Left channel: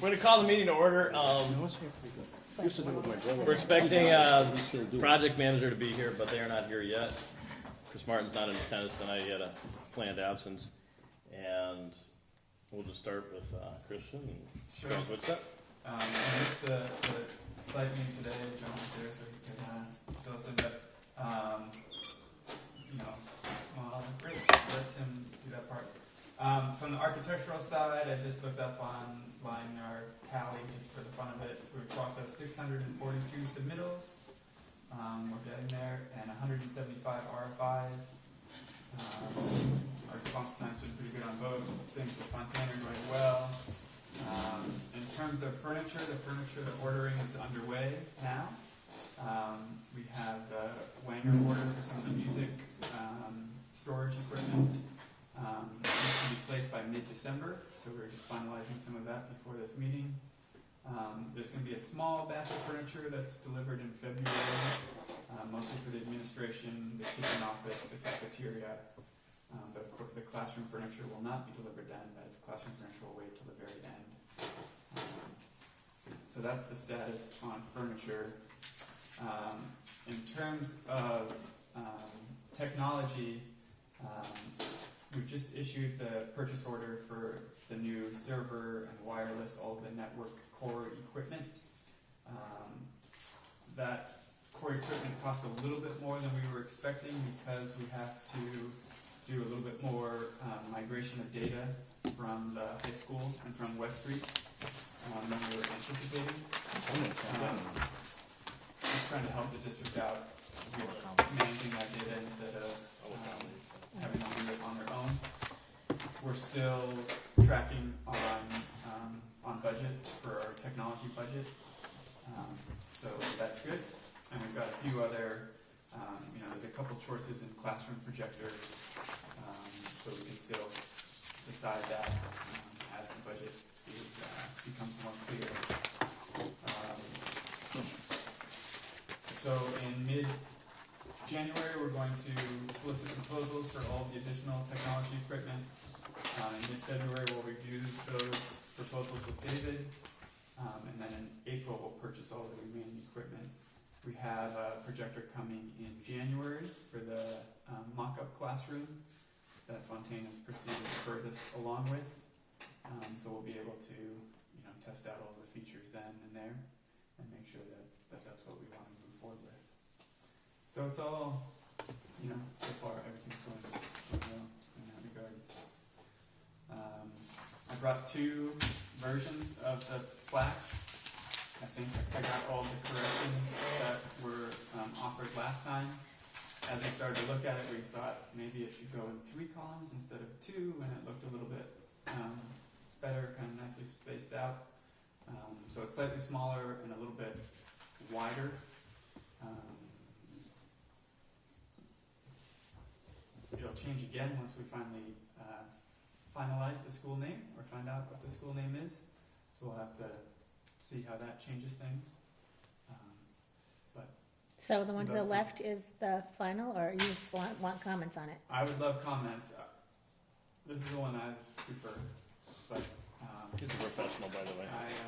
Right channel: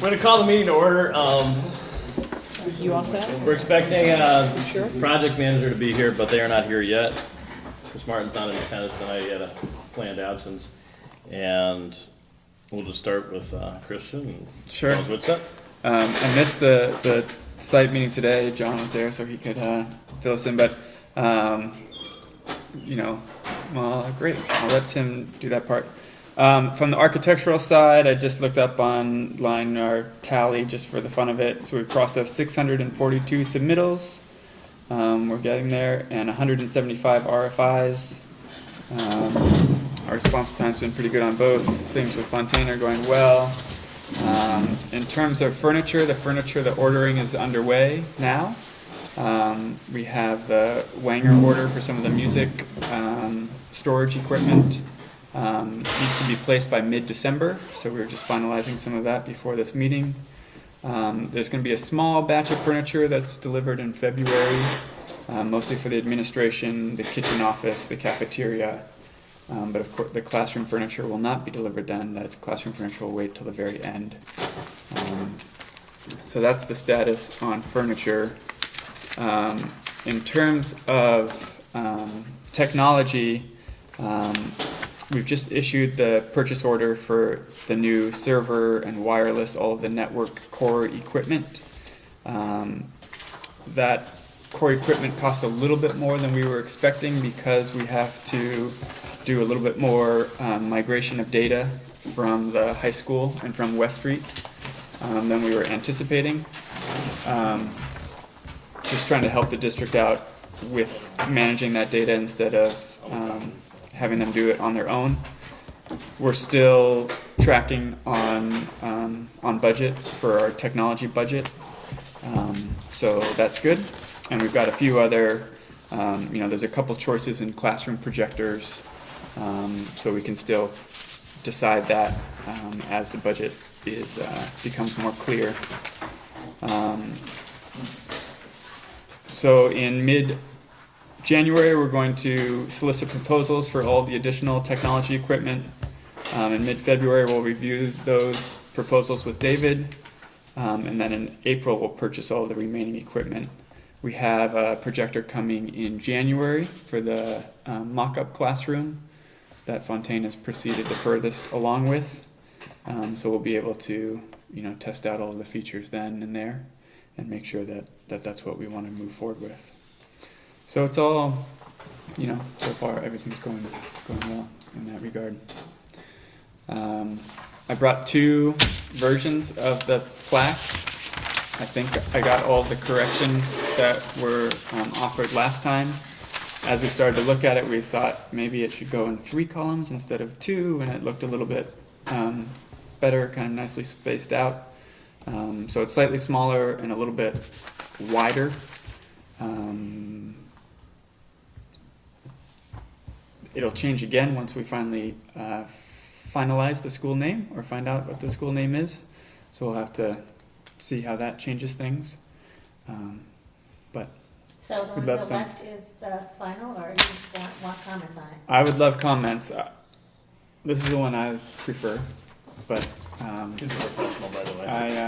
We're gonna call the meeting to order. You all set? We're expecting Sure. project manager to be here, but they are not here yet. Chris Martin's not in attendance tonight, he had a planned absence. And we'll just start with Christian and Sure. tell us what's up. I missed the site meeting today. John was there, so he could fill us in. But well, great. I'll let Tim do that part. From the architectural side, I just looked up online our tally just for the fun of it. So we processed 642 submittals. We're getting there, and 175 RFIs. Our response time's been pretty good on both. Things with Fontaine are going well. In terms of furniture, the ordering is underway now. We have the Wanger order for some of the music storage equipment. Needs to be placed by mid-December, so we're just finalizing some of that before this meeting. There's going to be a small batch of furniture that's delivered in February, mostly for the administration, the kitchen office, the cafeteria. But of course, the classroom furniture will not be delivered then. That classroom furniture will wait till the very end. So that's the status on furniture. In terms of technology, we've just issued the purchase order for the new server and wireless, all of the network core equipment. That core equipment cost a little bit more than we were expecting because we have to do a little bit more migration of data from the high school and from West Street than we were anticipating. Just trying to help the district out with managing that data instead of having them do it on their own. We're still tracking on budget for our technology budget, so that's good. And we've got a few other, there's a couple choices in classroom projectors, so we can still decide that as the budget becomes more clear. So in mid-January, we're going to solicit proposals for all the additional technology equipment. In mid-February, we'll review those proposals with David. And then in April, we'll purchase all the remaining equipment. We have a projector coming in January for the mock-up classroom that Fontaine has proceeded the furthest along with. So we'll be able to, test out all of the features then and there and make sure that that's what we want to move forward with. So it's all, so far everything's going well in that regard. I brought 2 versions of the plaque. I think I got all the corrections that were offered last time. As we started to look at it, we thought maybe it should go in 3 columns instead of 2, and it looked a little bit better, kind of nicely spaced out. So it's slightly smaller and a little bit wider. It'll change again once we finally finalize the school name or find out what the school name is. So we'll have to see how that changes things. So the one to the left is the final, or do you just want comments on it? I would love comments. This is the one I prefer, but He's a professional, by the way. I Would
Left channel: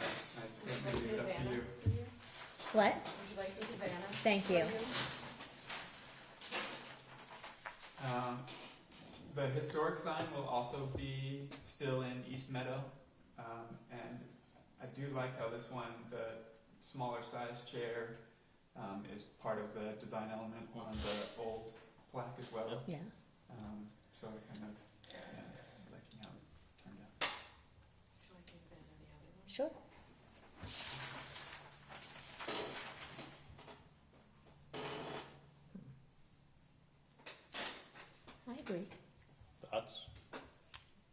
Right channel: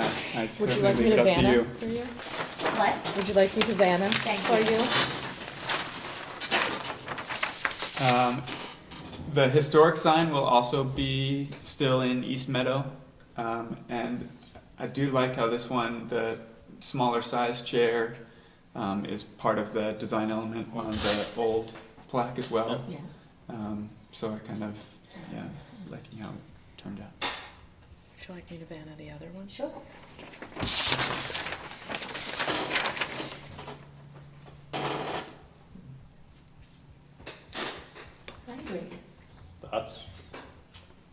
you certainly like me leave it to up to Vanna you. for you? What? Would you like me to Vanna Thank for you. you? The historic sign will also be still in East Meadow, and I do like how this one, the smaller size chair, is part of the design element on the old plaque as well. Yeah. So I kind of, liking how it turned out. Would you like me to Vanna the other one? Sure. I agree. Thoughts?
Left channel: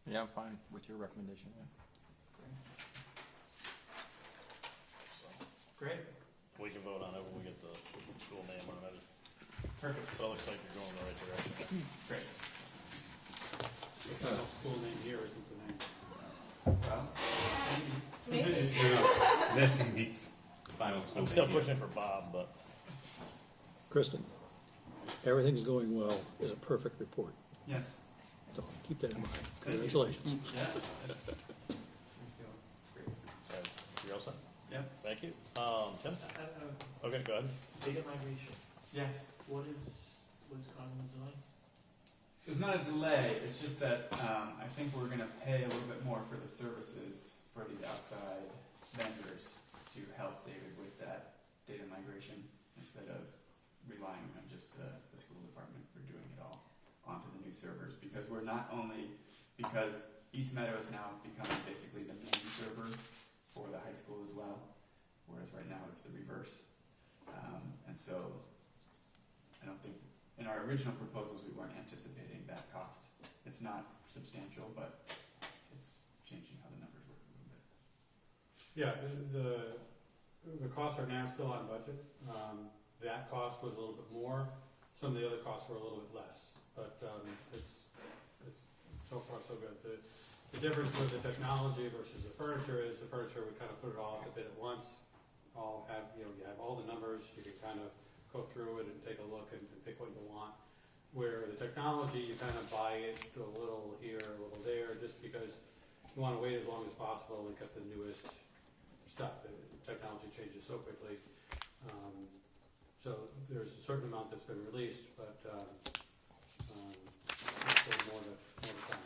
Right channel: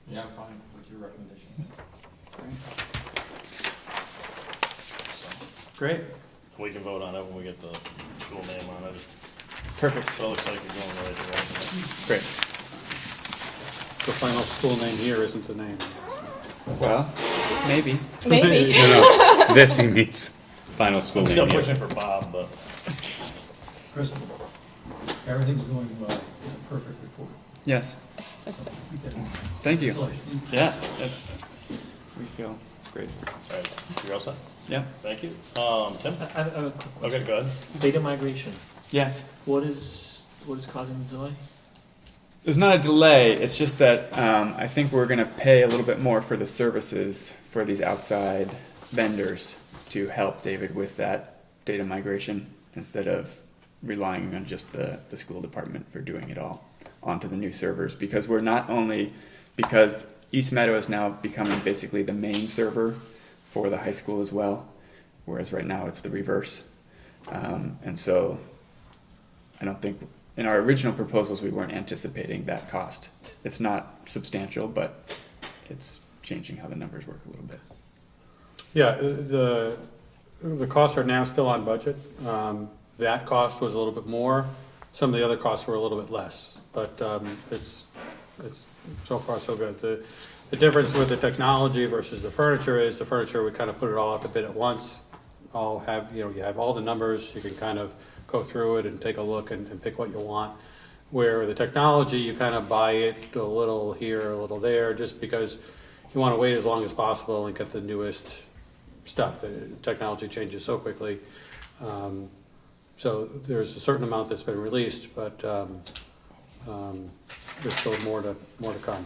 Yeah, I'm fine with your recommendation. Great. We can vote on it when we get the school name on it. Perfect. So it looks like you're going the right direction. Great. The final school name here isn't the name. Well, maybe. Maybe. No, this he means final school I'm name. still yeah. pushing for Bob, but Kristen, everything's going well. It's a perfect report. Yes. So, keep that going. Thank you. Congratulations. Yes, we feel Great. All right, you're all set? Yeah. Thank you. Tim? I have a quick Okay, question. go ahead. Data migration, Yes. what is causing the delay? There's not a delay. It's just that I think we're going to pay a little bit more for the services for these outside vendors to help David with that data migration instead of relying on just the school department for doing it all onto the new servers. Because we're not only, because East Meadow is now becoming basically the main server for the high school as well, whereas right now it's the reverse. And so I don't think, in our original proposals, we weren't anticipating that cost. It's not substantial, but it's changing how the numbers work a little bit. Yeah, the costs are now still on budget. That cost was a little bit more. Some of the other costs were a little bit less, but it's so far so good. The difference with the technology versus the furniture is the furniture, we kind of put it all out to bid at once. You have all the numbers, you can kind of go through it and take a look and pick what you want. Where the technology, you kind of buy it a little here, a little there, just because you want to wait as long as possible and get the newest stuff. The technology changes so quickly. So there's a certain amount that's been released, but there's still more to come.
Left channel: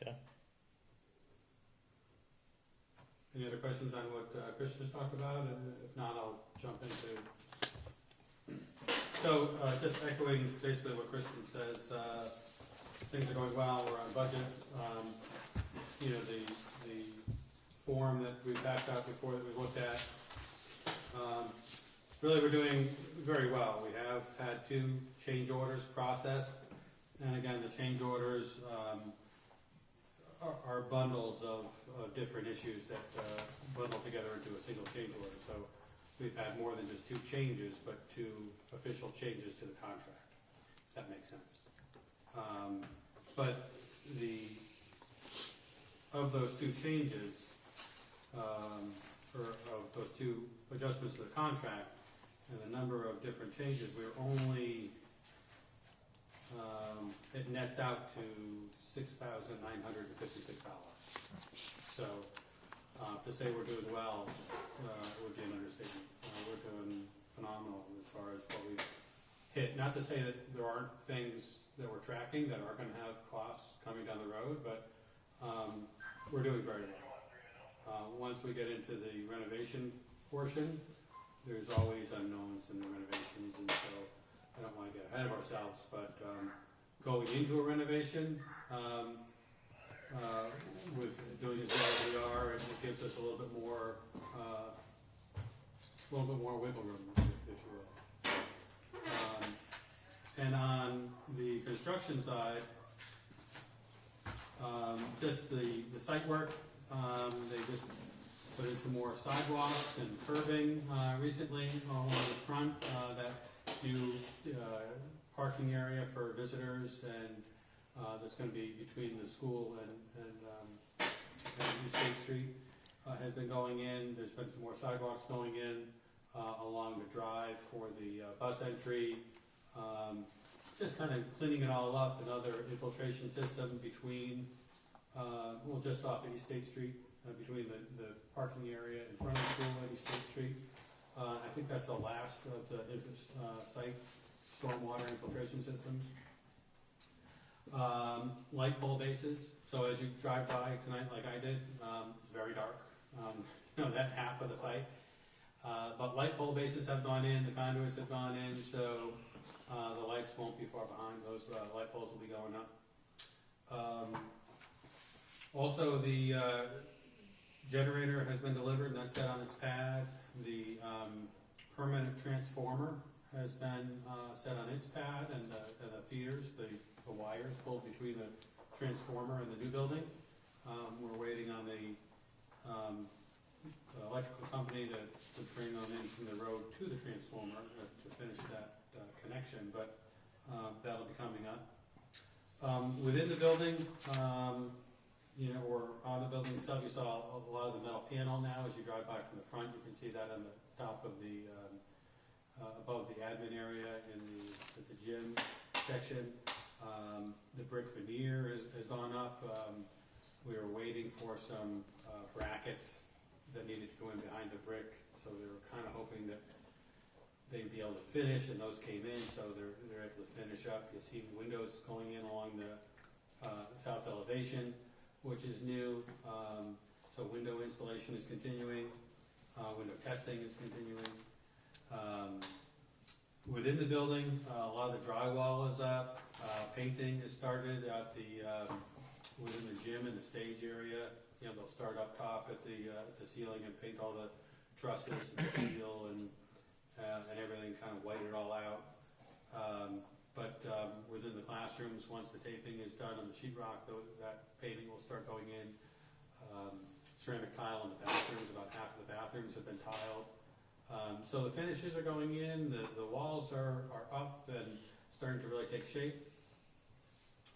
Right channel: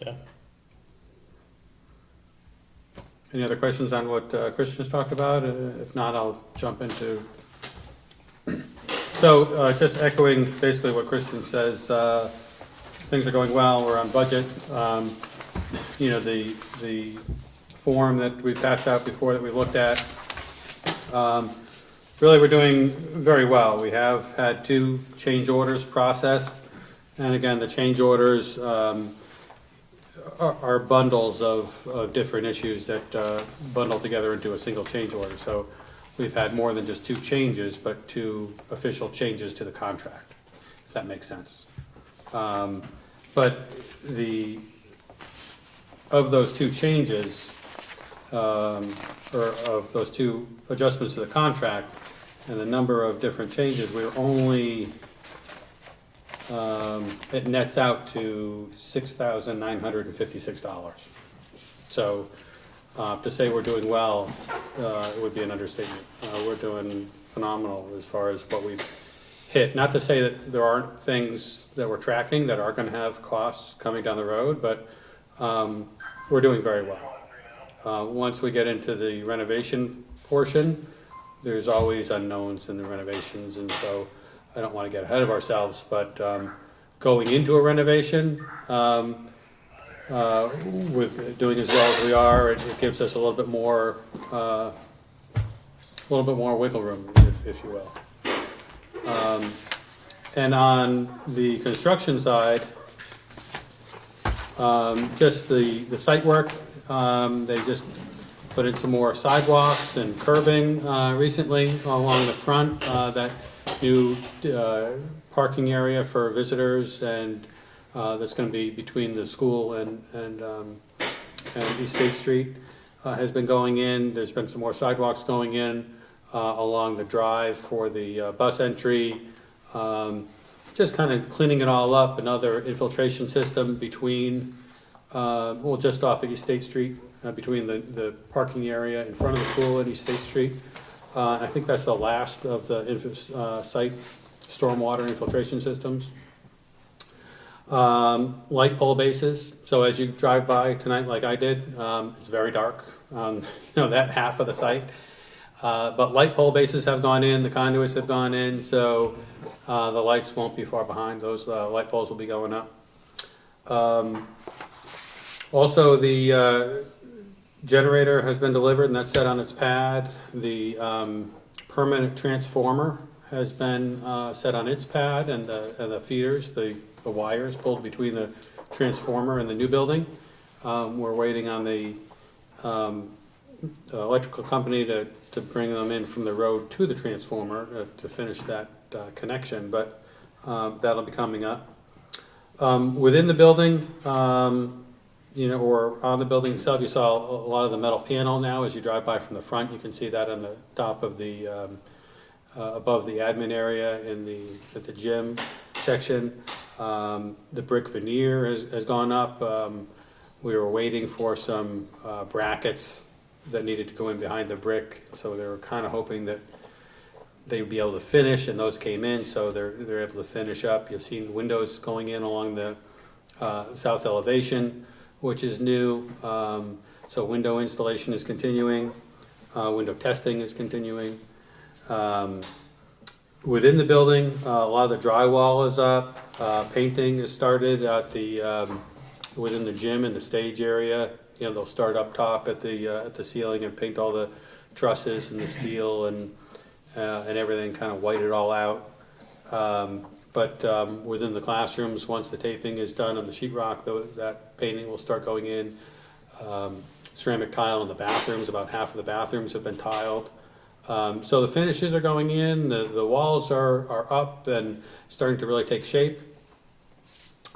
Okay. Any other questions on what Christian's talked about? If not, I'll jump into. So just echoing basically what Christian says, things are going well, we're on budget. The form that we passed out before that we looked at, really we're doing very well. We have had 2 change orders processed, and again, the change orders are bundles of different issues that bundle together into a single change order. So we've had more than just 2 changes, but 2 official changes to the contract, if that makes sense. But of those 2 changes, or of those 2 adjustments to the contract, and the number of different changes, we're only, it nets out to $6,956. So to say we're doing well, it would be an understatement. We're doing phenomenal as far as what we've hit. Not to say that there aren't things that we're tracking that are gonna have costs coming down the road, but we're doing very well. Once we get into the renovation portion, there's always unknowns in the renovations, and so I don't want to get ahead of ourselves, but going into a renovation, with doing as well as we are, it gives us a little bit more wiggle room, if you will. And on the construction side, just the site work, they just put in some more sidewalks and curbing recently along the front, that new parking area for visitors, and that's going to be between the school and East State Street has been going in. There's been some more sidewalks going in along the drive for the bus entry. Just kind of cleaning it all up. Another infiltration system between, just off of East State Street, between the parking area in front of the school at East State Street. I think that's the last of the site stormwater infiltration systems. Light pole bases. So as you drive by tonight, like I did, it's very dark. That half of the site. But light pole bases have gone in. The conduits have gone in. So the lights won't be far behind. Those light poles will be going up. Also, the generator has been delivered, and that's set on its pad. The permanent transformer has been set on its pad, and the feeders, the wires pulled between the transformer and the new building. We're waiting on the electrical company to bring them in from the road to the transformer to finish that connection, but that'll be coming up. Within the building, or on the building itself, you saw a lot of the metal panel now. As you drive by from the front, you can see that on the top of the, above the admin area at the gym section. The brick veneer has gone up. We were waiting for some brackets that needed to go in behind the brick, so they were kind of hoping that they'd be able to finish, and those came in, so they're able to finish up. You've seen windows going in along the south elevation, which is new. So window installation is continuing, window testing is continuing. Within the building, a lot of the drywall is up, painting is started at the, within the gym and the stage area. You know, they'll start up top at the ceiling and paint all the trusses and the steel and everything, kind of white it all out. But within the classrooms, once the taping is done on the sheetrock, that painting will start going in. Ceramic tile in the bathrooms, about half of the bathrooms have been tiled. So the finishes are going in, the walls are up and starting to really take shape.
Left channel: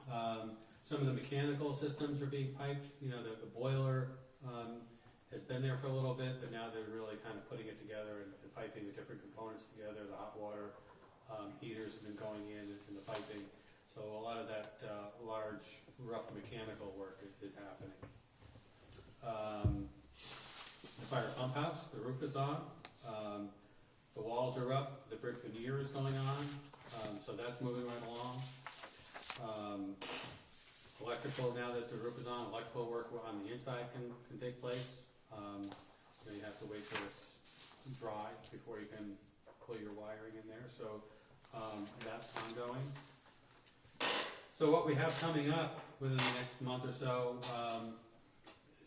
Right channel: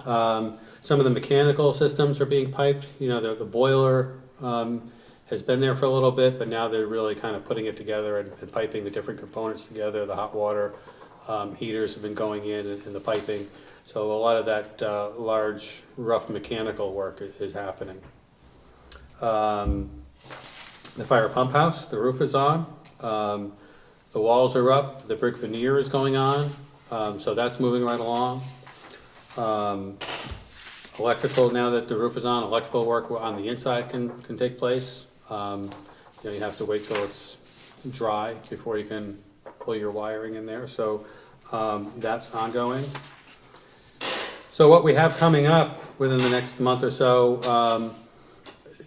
Some of the mechanical systems are being piped. You know, the boiler has been there for a little bit, but now they're really kind of putting it together and piping the different components together. The hot water heaters have been going in and the piping. So a lot of that large, rough mechanical work is happening. The fire pump house, the roof is on. The walls are up, the brick veneer is going on, so that's moving right along. Electrical, now that the roof is on, electrical work on the inside can take place. You know, you have to wait till it's dry before you can pull your wiring in there, so that's ongoing. So what we have coming up within the next month or so,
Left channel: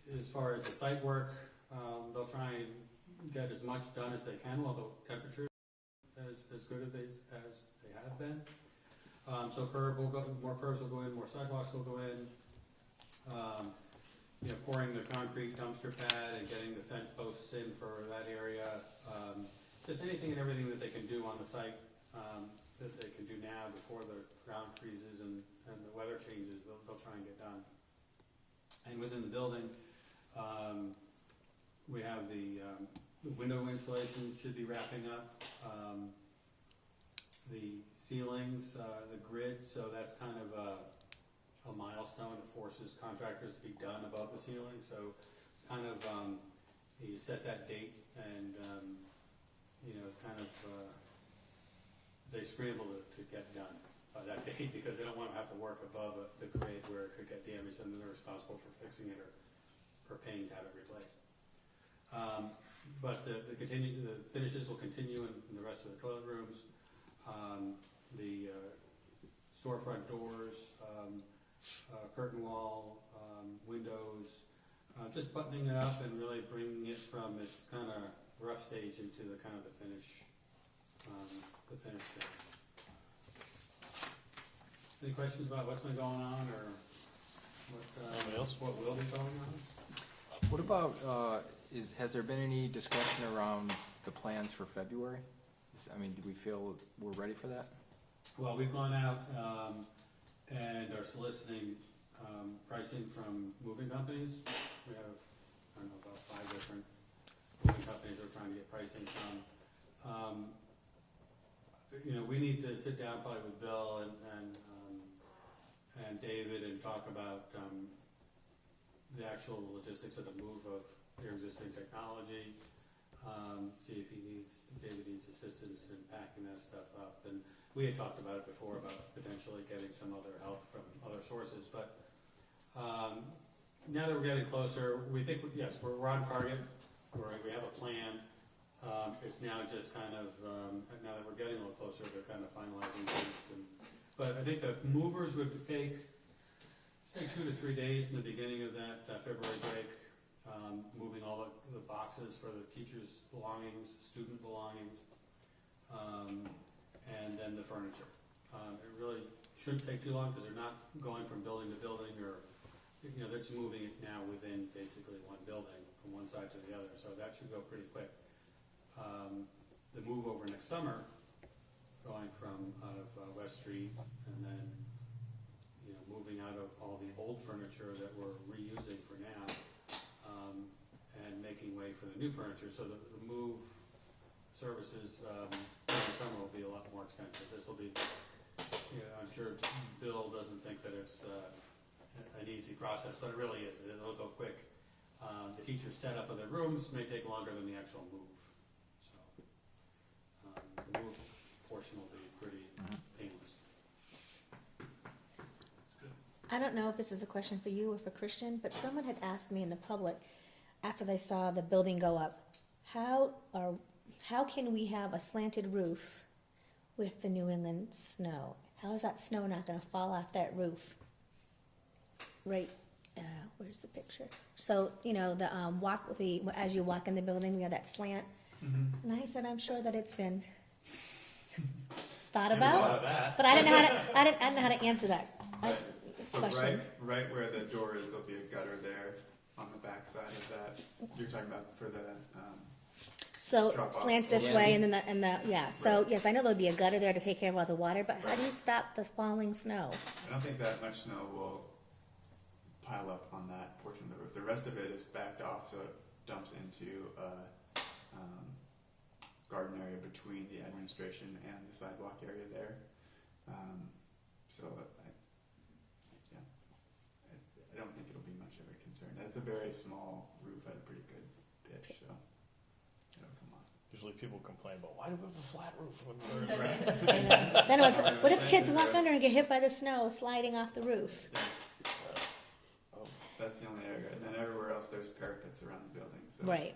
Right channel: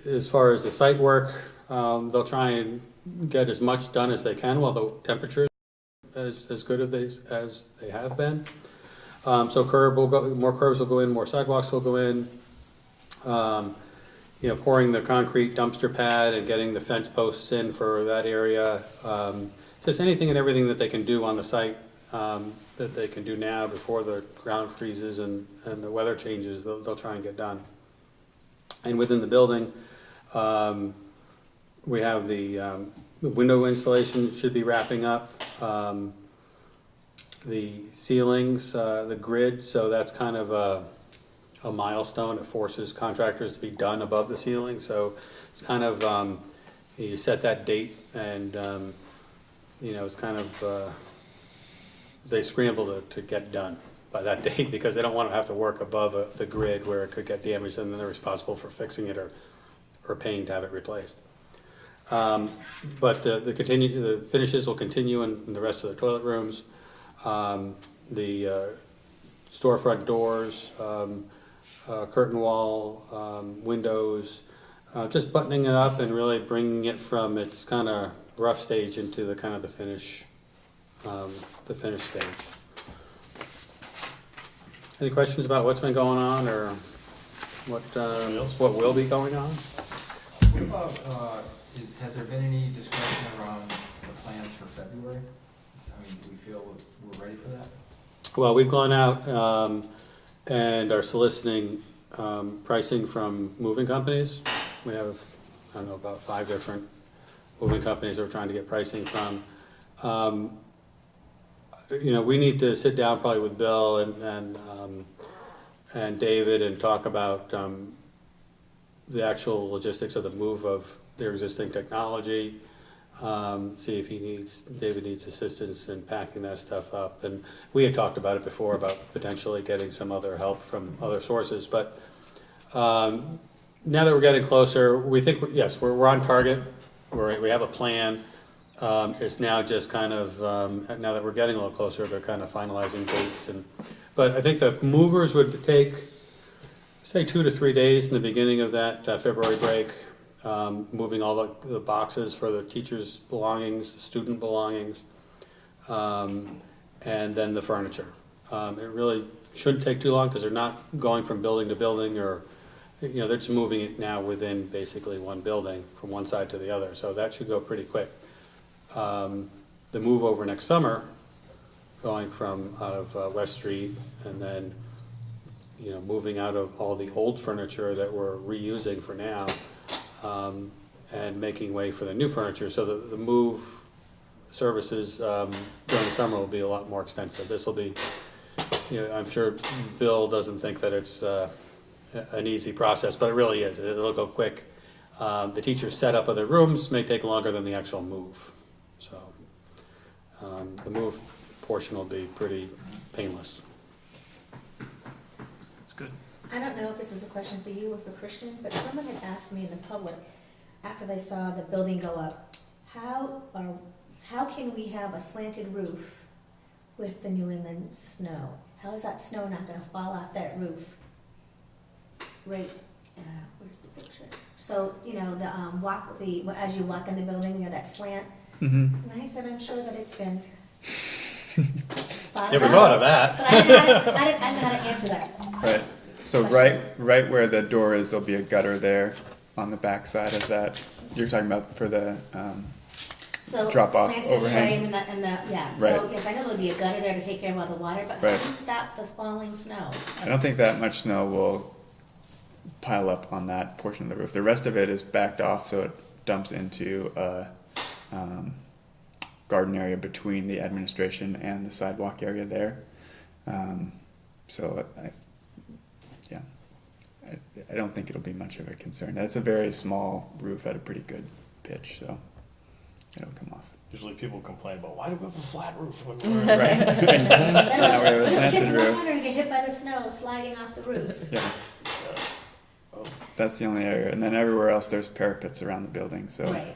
as far as the site work, they'll try and get as much done as they can while the temperatures as good as they have been. So more curbs will go in, more sidewalks will go in. You know, pouring the concrete dumpster pad and getting the fence posts in for that area. Just anything and everything that they can do on the site that they can do now before the ground freezes and the weather changes, they'll try and get done. And within the building, we have the window installation should be wrapping up. The ceilings, the grid, so that's kind of a milestone. It forces contractors to be done above the ceiling. So it's kind of, you set that date and, you know, it's kind of, they scramble to get done by that date because they don't want to have to work above the grid where it could get damaged and then they're responsible for fixing it or paying to have it replaced. But the finishes will continue in the rest of the toilet rooms. The storefront doors, curtain wall, windows, just buttoning it up and really bringing it from its kind of rough stage into the kind of the finish stage. Any questions about what's been going on or what will be going on? What about, has there been any discussion around the plans for February? I mean, do we feel we're ready for that? Well, we've gone out and are soliciting pricing from moving companies. We have, I don't know, about 5 different moving companies that we're trying to get pricing from. You know, we need to sit down probably with Bill and David and talk about the actual logistics of the move of their existing technology. See if David needs assistance in packing that stuff up. And we had talked about it before about potentially getting some other help from other sources. But now that we're getting closer, we think, yes, we're on target. We have a plan. It's now just kind of, now that we're getting a little closer, they're kind of finalizing dates. But I think the movers would take, say, 2 to 3 days in the beginning of that February break. Moving all the boxes for the teachers' belongings, the student belongings, and then the furniture. It really shouldn't take too long because they're not going from building to building or, you know, they're just moving it now within basically one building from one side to the other. So that should go pretty quick. The move over next summer, going from out of West Street and then, you know, moving out of all the old furniture that we're reusing for now. And making way for the new furniture. So the move services during the summer will be a lot more extensive. This will be I'm sure Bill doesn't think that it's an easy process, but it really is. It'll go quick. The teacher's setup of the rooms may take longer than the actual move. So the move portion will be pretty painless. It's good. I don't know if this is a question for you or for Christian, but someone had asked me in the public, after they saw the building go up, how can we have a slanted roof with the New England snow? How is that snow not gonna fall off that roof? Right, where's the picture? So, as you walk in the building, that slant, Mm-hmm. and I said, I'm sure that it's been thought Never about. thought of that. But I didn't know how to answer that. Right. So Question. right where the door is, there'll be a gutter there on the back side of that. You're talking about for the, So drop off slants this overhang. way and then yeah, so Right. yes, I know there'll be a gutter there to take care of all the water, but how Right. do you stop the falling snow? I don't think that much snow will pile up on that portion of the roof. The rest of it is backed off, so it dumps into a garden area between the administration and the sidewalk area there. So I don't think it'll be much of a concern. That's a very small roof at a pretty good pitch, so it'll come off. Usually people complain about, why do we have a flat roof when Right. we're? Then Now we have a what if the slanted kids roof. are gonna get hit by the snow sliding off the roof? Yeah, that's the only area, and then everywhere else there's parapets around the building. So Right,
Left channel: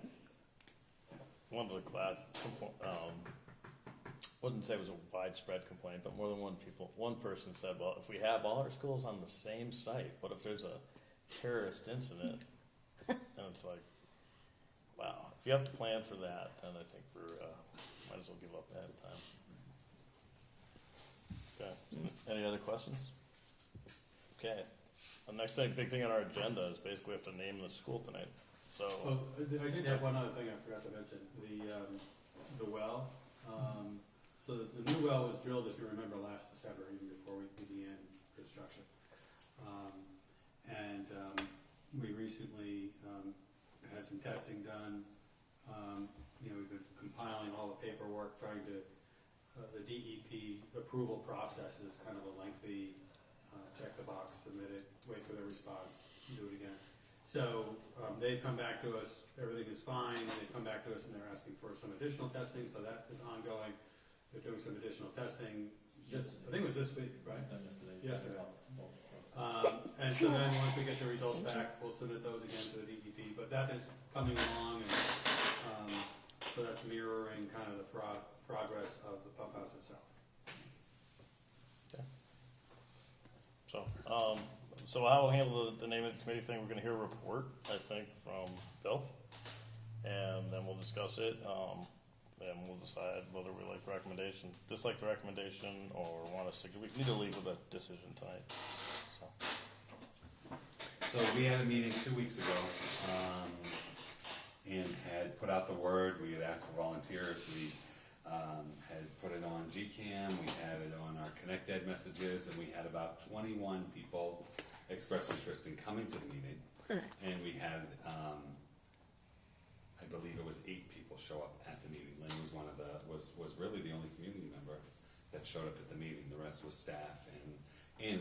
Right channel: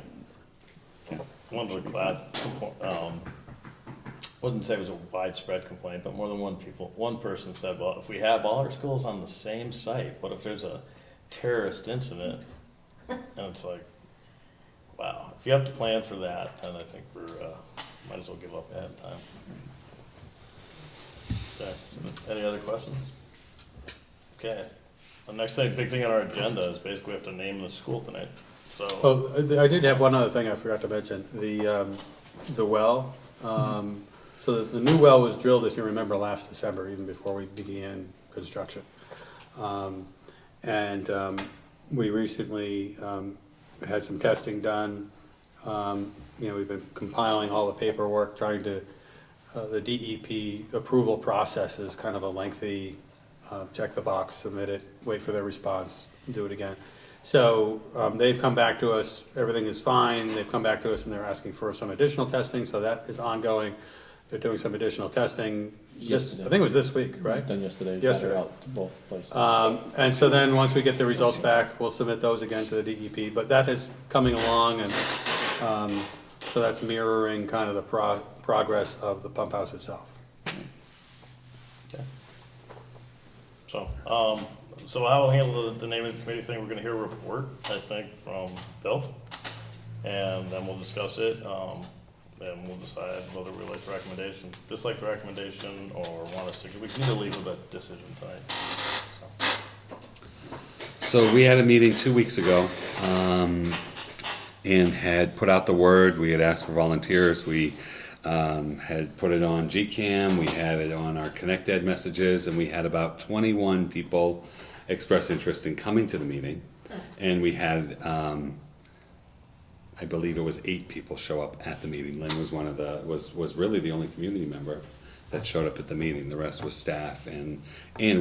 One of the class, wouldn't say it was a widespread complaint, but more than one person said, well, if we have all our schools on the same site, what if there's a terrorist incident? And it's like, wow, if you have to plan for that, then I think might as well give up ahead of time. Okay, any other questions? Okay, the next big thing on our agenda is basically we have to name the school tonight, so. Oh, I did have one other thing I forgot to mention, the well. So the new well was drilled, if you remember, last December, even before we began construction. We recently had some testing done. We've been compiling all the paperwork, trying to, the DEP approval process is kind of a lengthy, check the box, submit it, wait for their response, do it again. So they've come back to us, everything is fine, they've come back to us and they're asking for some additional testing, so that is ongoing. They're doing some additional testing, I think it was this week, right? Done yesterday. Yesterday. Out to both places. And so then, once we get the results back, we'll submit those again to the DEP, but that is coming along, and so that's mirroring kind of the progress of the pump house itself. So how we'll handle the name of the committee thing, we're gonna hear a report, I think, from Bill, and then we'll discuss it, and we'll decide whether we like the recommendation, dislike the recommendation, or want us to, we can either leave with a decision tonight. So we had a meeting 2 weeks ago, and had put out the word. We had asked for volunteers. We had put it on GCam. We had it on our Connect Ed messages, and we had about 21 people express interest in coming to the meeting. And we had, I believe it was 8 people show up at the meeting. Lynn was was really the only community member that showed up at the meeting. The rest was staff and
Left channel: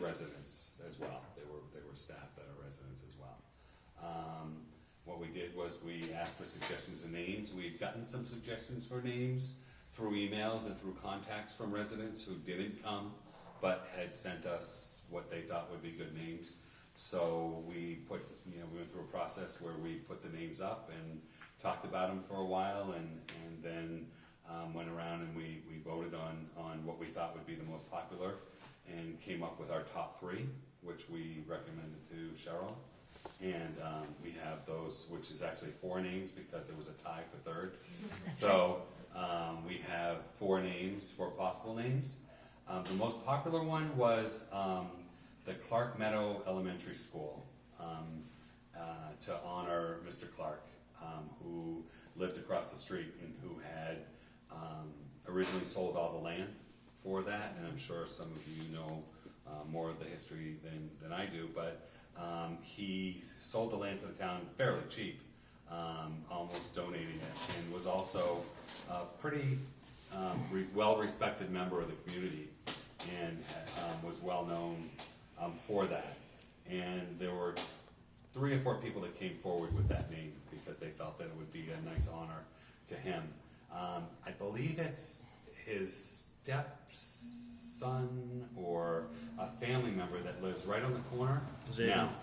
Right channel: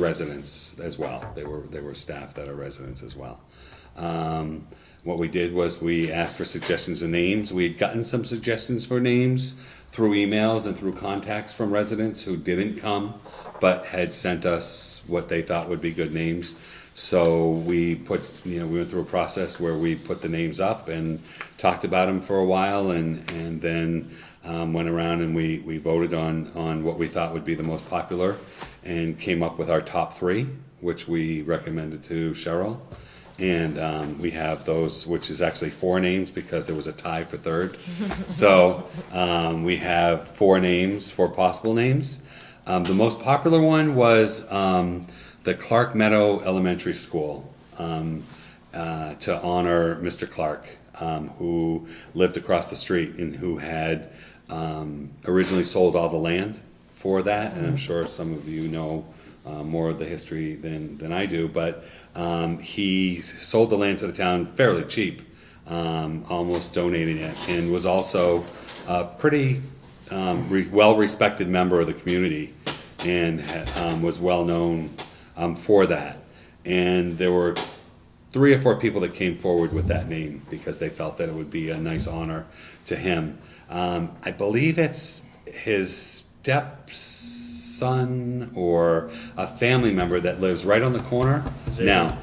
residents as well. They were staff that are residents as well. What we did was we asked for suggestions of names. We had gotten some suggestions for names through emails and through contacts from residents who didn't come, but had sent us what they thought would be good names. So we went through a process where we put the names up and talked about them for a while, and then went around and we voted on what we thought would be the most popular, and came up with our top 3, which we recommended to Cheryl. And we have those, which is actually 4 names because there was a tie for 3rd. So we have 4 names, 4 possible names. The most popular one was the Clark Meadow Elementary School, to honor Mr. Clark, who lived across the street and who had originally sold all the land for that. And I'm sure some of you know more of the history than I do, but he sold the land to the town fairly cheap, almost donating it, and was also a pretty well-respected member of the community. and was well known for that. And there were 3 or 4 people that came forward with that name because they felt that it would be a nice honor to him. I believe it's his stepson or a family member that lives right on the corner now,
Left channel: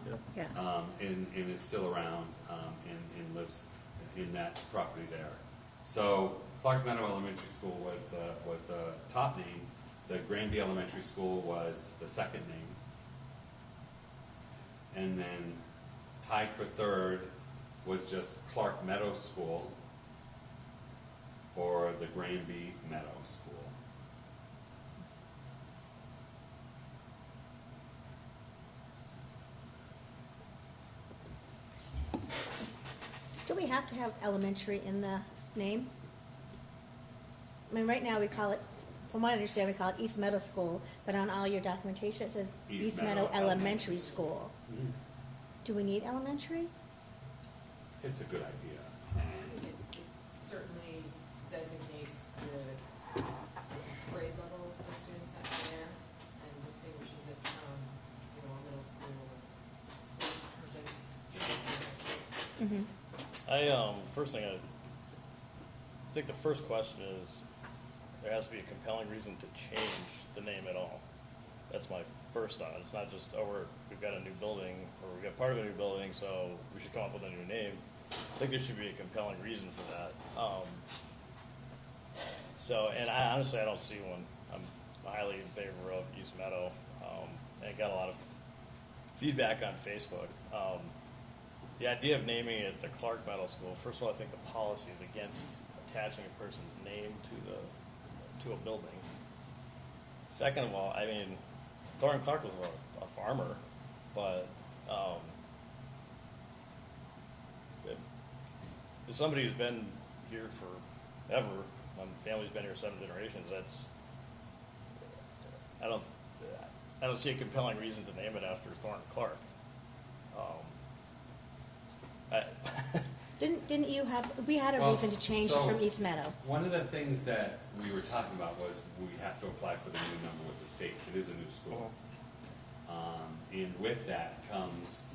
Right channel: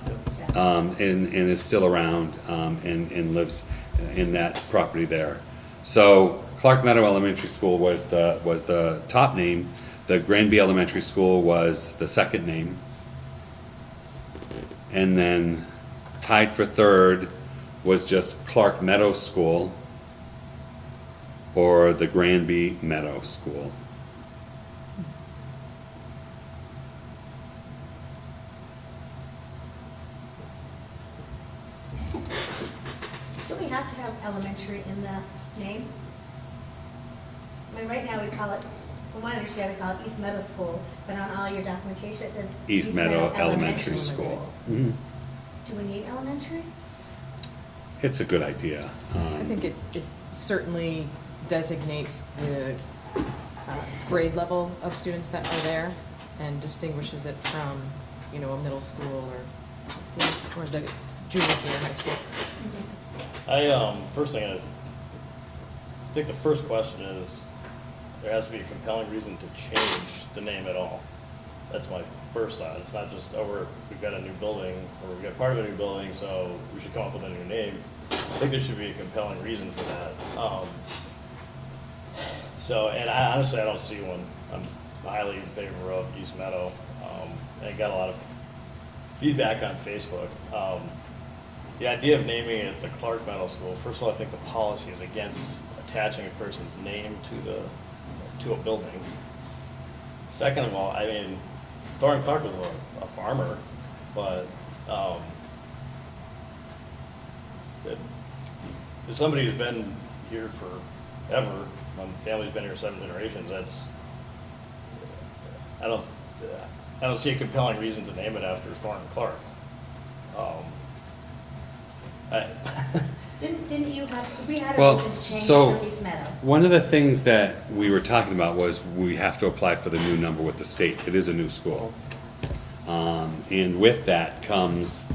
and is still around, and lives in that property there. So Clark Meadow Elementary School was the top name. The Granby Elementary School was the second name. And then tied for third was just Clark Meadow School or the Granby Meadow School. Do we have to have elementary in the name? I mean, right now we call it, from what I understand, we call it East Meadow School, but on all your documentation it says East Meadow Elementary School. Mhm. Do we need elementary? It's a good idea. I think it certainly designates the grade level of students that are there and distinguishes it from, you know, a middle school or the junior, senior high school. First thing, I think the first question is, there has to be a compelling reason to change the name at all. That's my first thought. It's not just, oh, we've got a new building, or we've got part of a new building, so we should come up with a new name. I think there should be a compelling reason for that. And I honestly, I don't see one. I'm highly in favor of East Meadow. And I got a lot of feedback on Facebook. The idea of naming it the Clark Meadow School, first of all, I think the policy is against attaching a person's name to a building. Second of all, I mean, Thorne Clark was a farmer, but as somebody who's been here forever, my family's been here 7 generations, I don't see a compelling reason to name it after Thorne Clark. Didn't you have, we had a Well, reason to change so- from East Meadow? One of the things that we were talking about was we have to apply for the new number with the state. It is a new school. And with that comes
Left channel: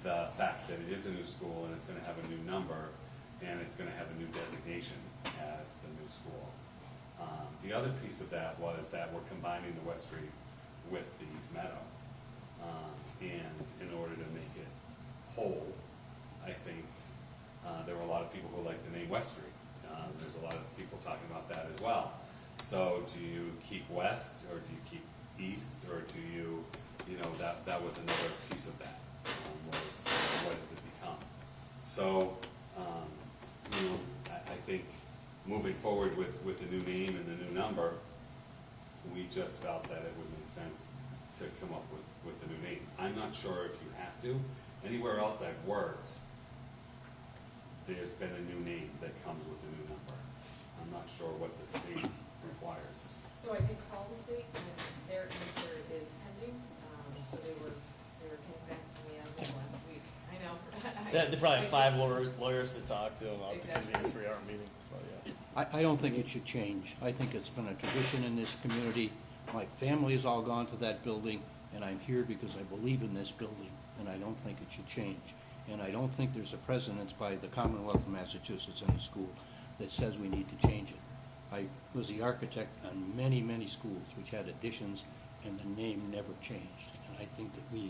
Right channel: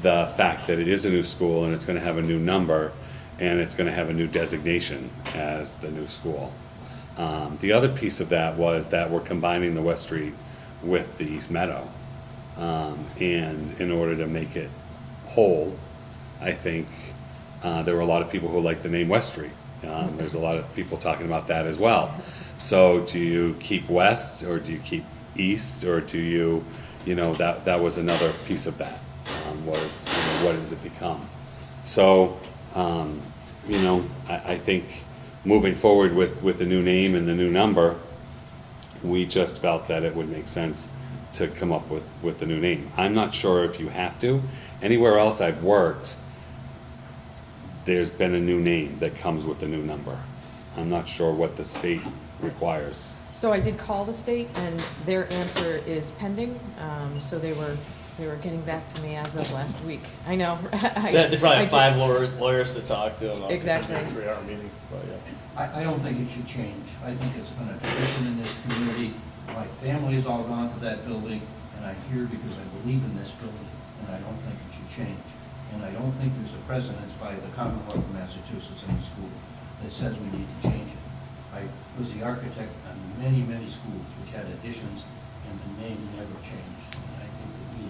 the fact that it is a new school and it's gonna have a new number and it's gonna have a new designation as the new school. The other piece of that was that we're combining the West Street with the East Meadow. And in order to make it whole, I think, there were a lot of people who liked the name West Street. There's a lot of people talking about that as well. So do you keep West, or do you keep East, or do you, that was another piece of that, was, what does it become? So, I think moving forward with the new name and the new number, we just felt that it would make sense to come up with the new name. I'm not sure if you have to. Anywhere else I've worked, there's been a new name that comes with the new number. I'm not sure what the state requires. So I did call the state, and their answer is pending. So they were getting back to me as of last week. I know. They probably have 5 lawyers to talk to, and Exactly. a 3-hour meeting, but yeah. I don't think it should change. I think it's been a tradition in this community. My family has all gone to that building, and I'm here because I believe in this building, and I don't think it should change. And I don't think there's a precedence by the Commonwealth of Massachusetts in the school that says we need to change it. I was the architect on many, many schools which had additions, and the name never changed. And I think that the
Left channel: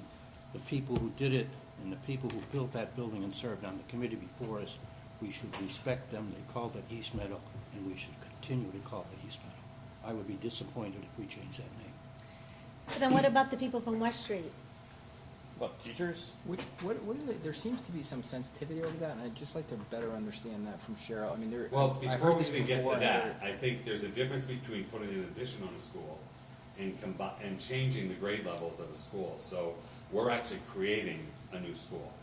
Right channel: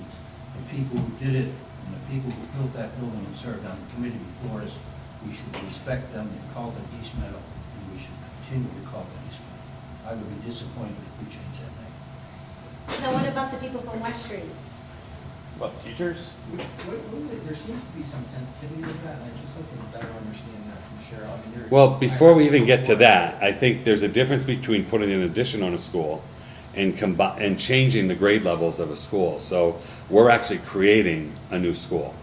people who did it, and the people who built that building and served on the committee before us, we should respect them. They called it East Meadow, and we should continue to call it East Meadow. I would be disappointed if we changed that name. Now, what about the people from West Street? What, teachers? There seems to be some sensitivity to that, and I'd just like to better understand that from Cheryl. I mean, Well, I before heard we this even get to before. that, I think there's a difference between putting an addition on a school and and changing the grade levels of a school. So we're actually creating a new school.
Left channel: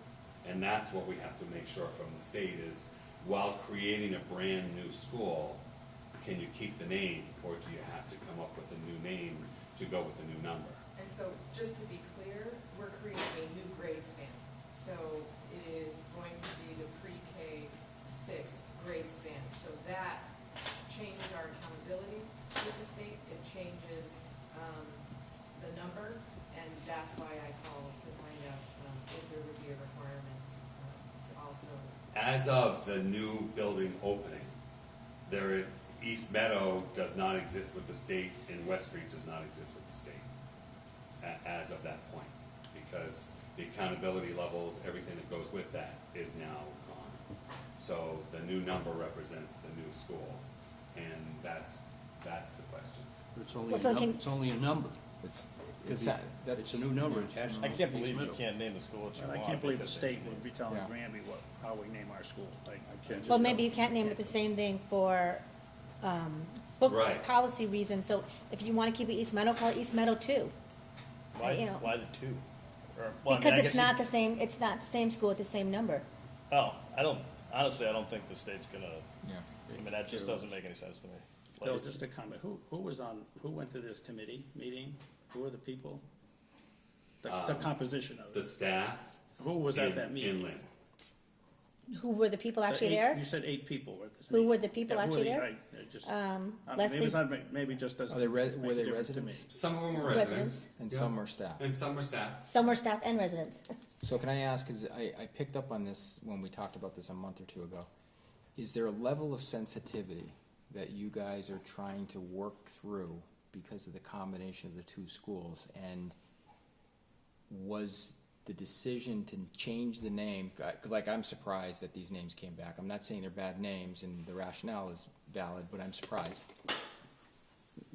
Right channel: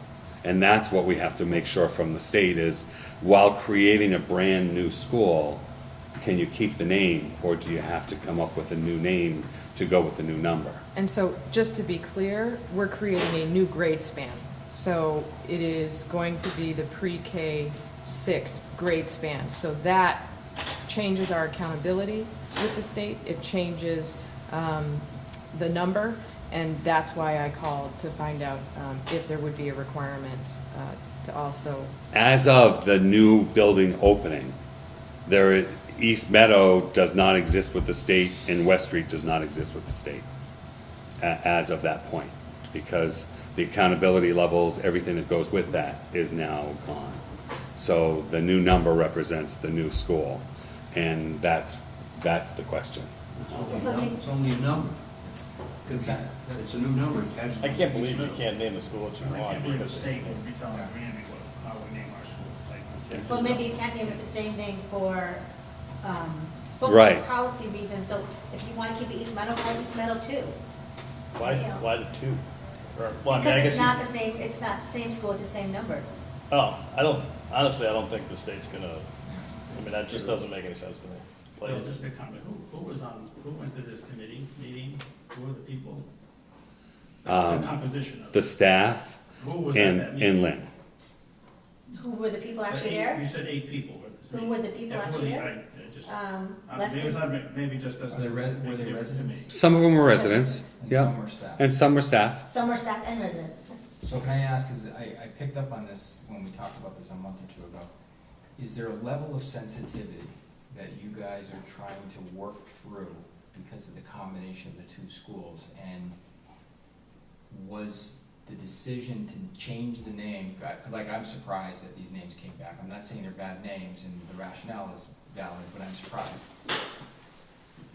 And that's what we have to make sure from the state is, while creating a brand new school, can you keep the name, or do you have to come up with a new name to go with the new number? And so, just to be clear, we're creating a new grade span. So it is going to be the pre-K 6 grade span. So that changes our accountability with the state. It changes the number, and that's why I called to find out if there would be a requirement to also, As of the new building opening, East Meadow does not exist with the state and West Street does not exist with the state as of that point, because the accountability levels, everything that goes with that is now gone. So the new number represents the new school, and that's the question. It's only a number. It's not- It's a new number attached. I can't believe you can't name the school what you I want. can't believe the because state it- would be telling Granby how we name our school. Well, maybe you can't name it the same thing for, Right. policy reasons, so if you wanna keep it East Meadow, call it East Meadow too. Why, Yeah. why the two? Or, well, I mean, I Because guess it's you- not the same, it's not the same school with the same number. Oh, honestly, I don't think the state's gonna, I mean, that just doesn't make any sense to me. Like, Well, just a comment, who went to this committee meeting? Who were the people? The composition of The it. staff Who was at and that meeting? Lynn. Who were the people actually there? You said 8 people were at this Who meeting. were the people Yeah, who actually were the- there? it just- Leslie? Maybe just doesn't. Are they make a were they difference to me. residents? Some of them were Some residents, And yeah, some were staff? and some were staff. Some were staff and residents. So can I ask, because I picked up on this when we talked about this a month or two ago, is there a level of sensitivity that you guys are trying to work through because of the combination of the two schools? And was the decision to change the name, like I'm surprised that these names came back. I'm not saying they're bad names and the rationale is valid, but I'm surprised.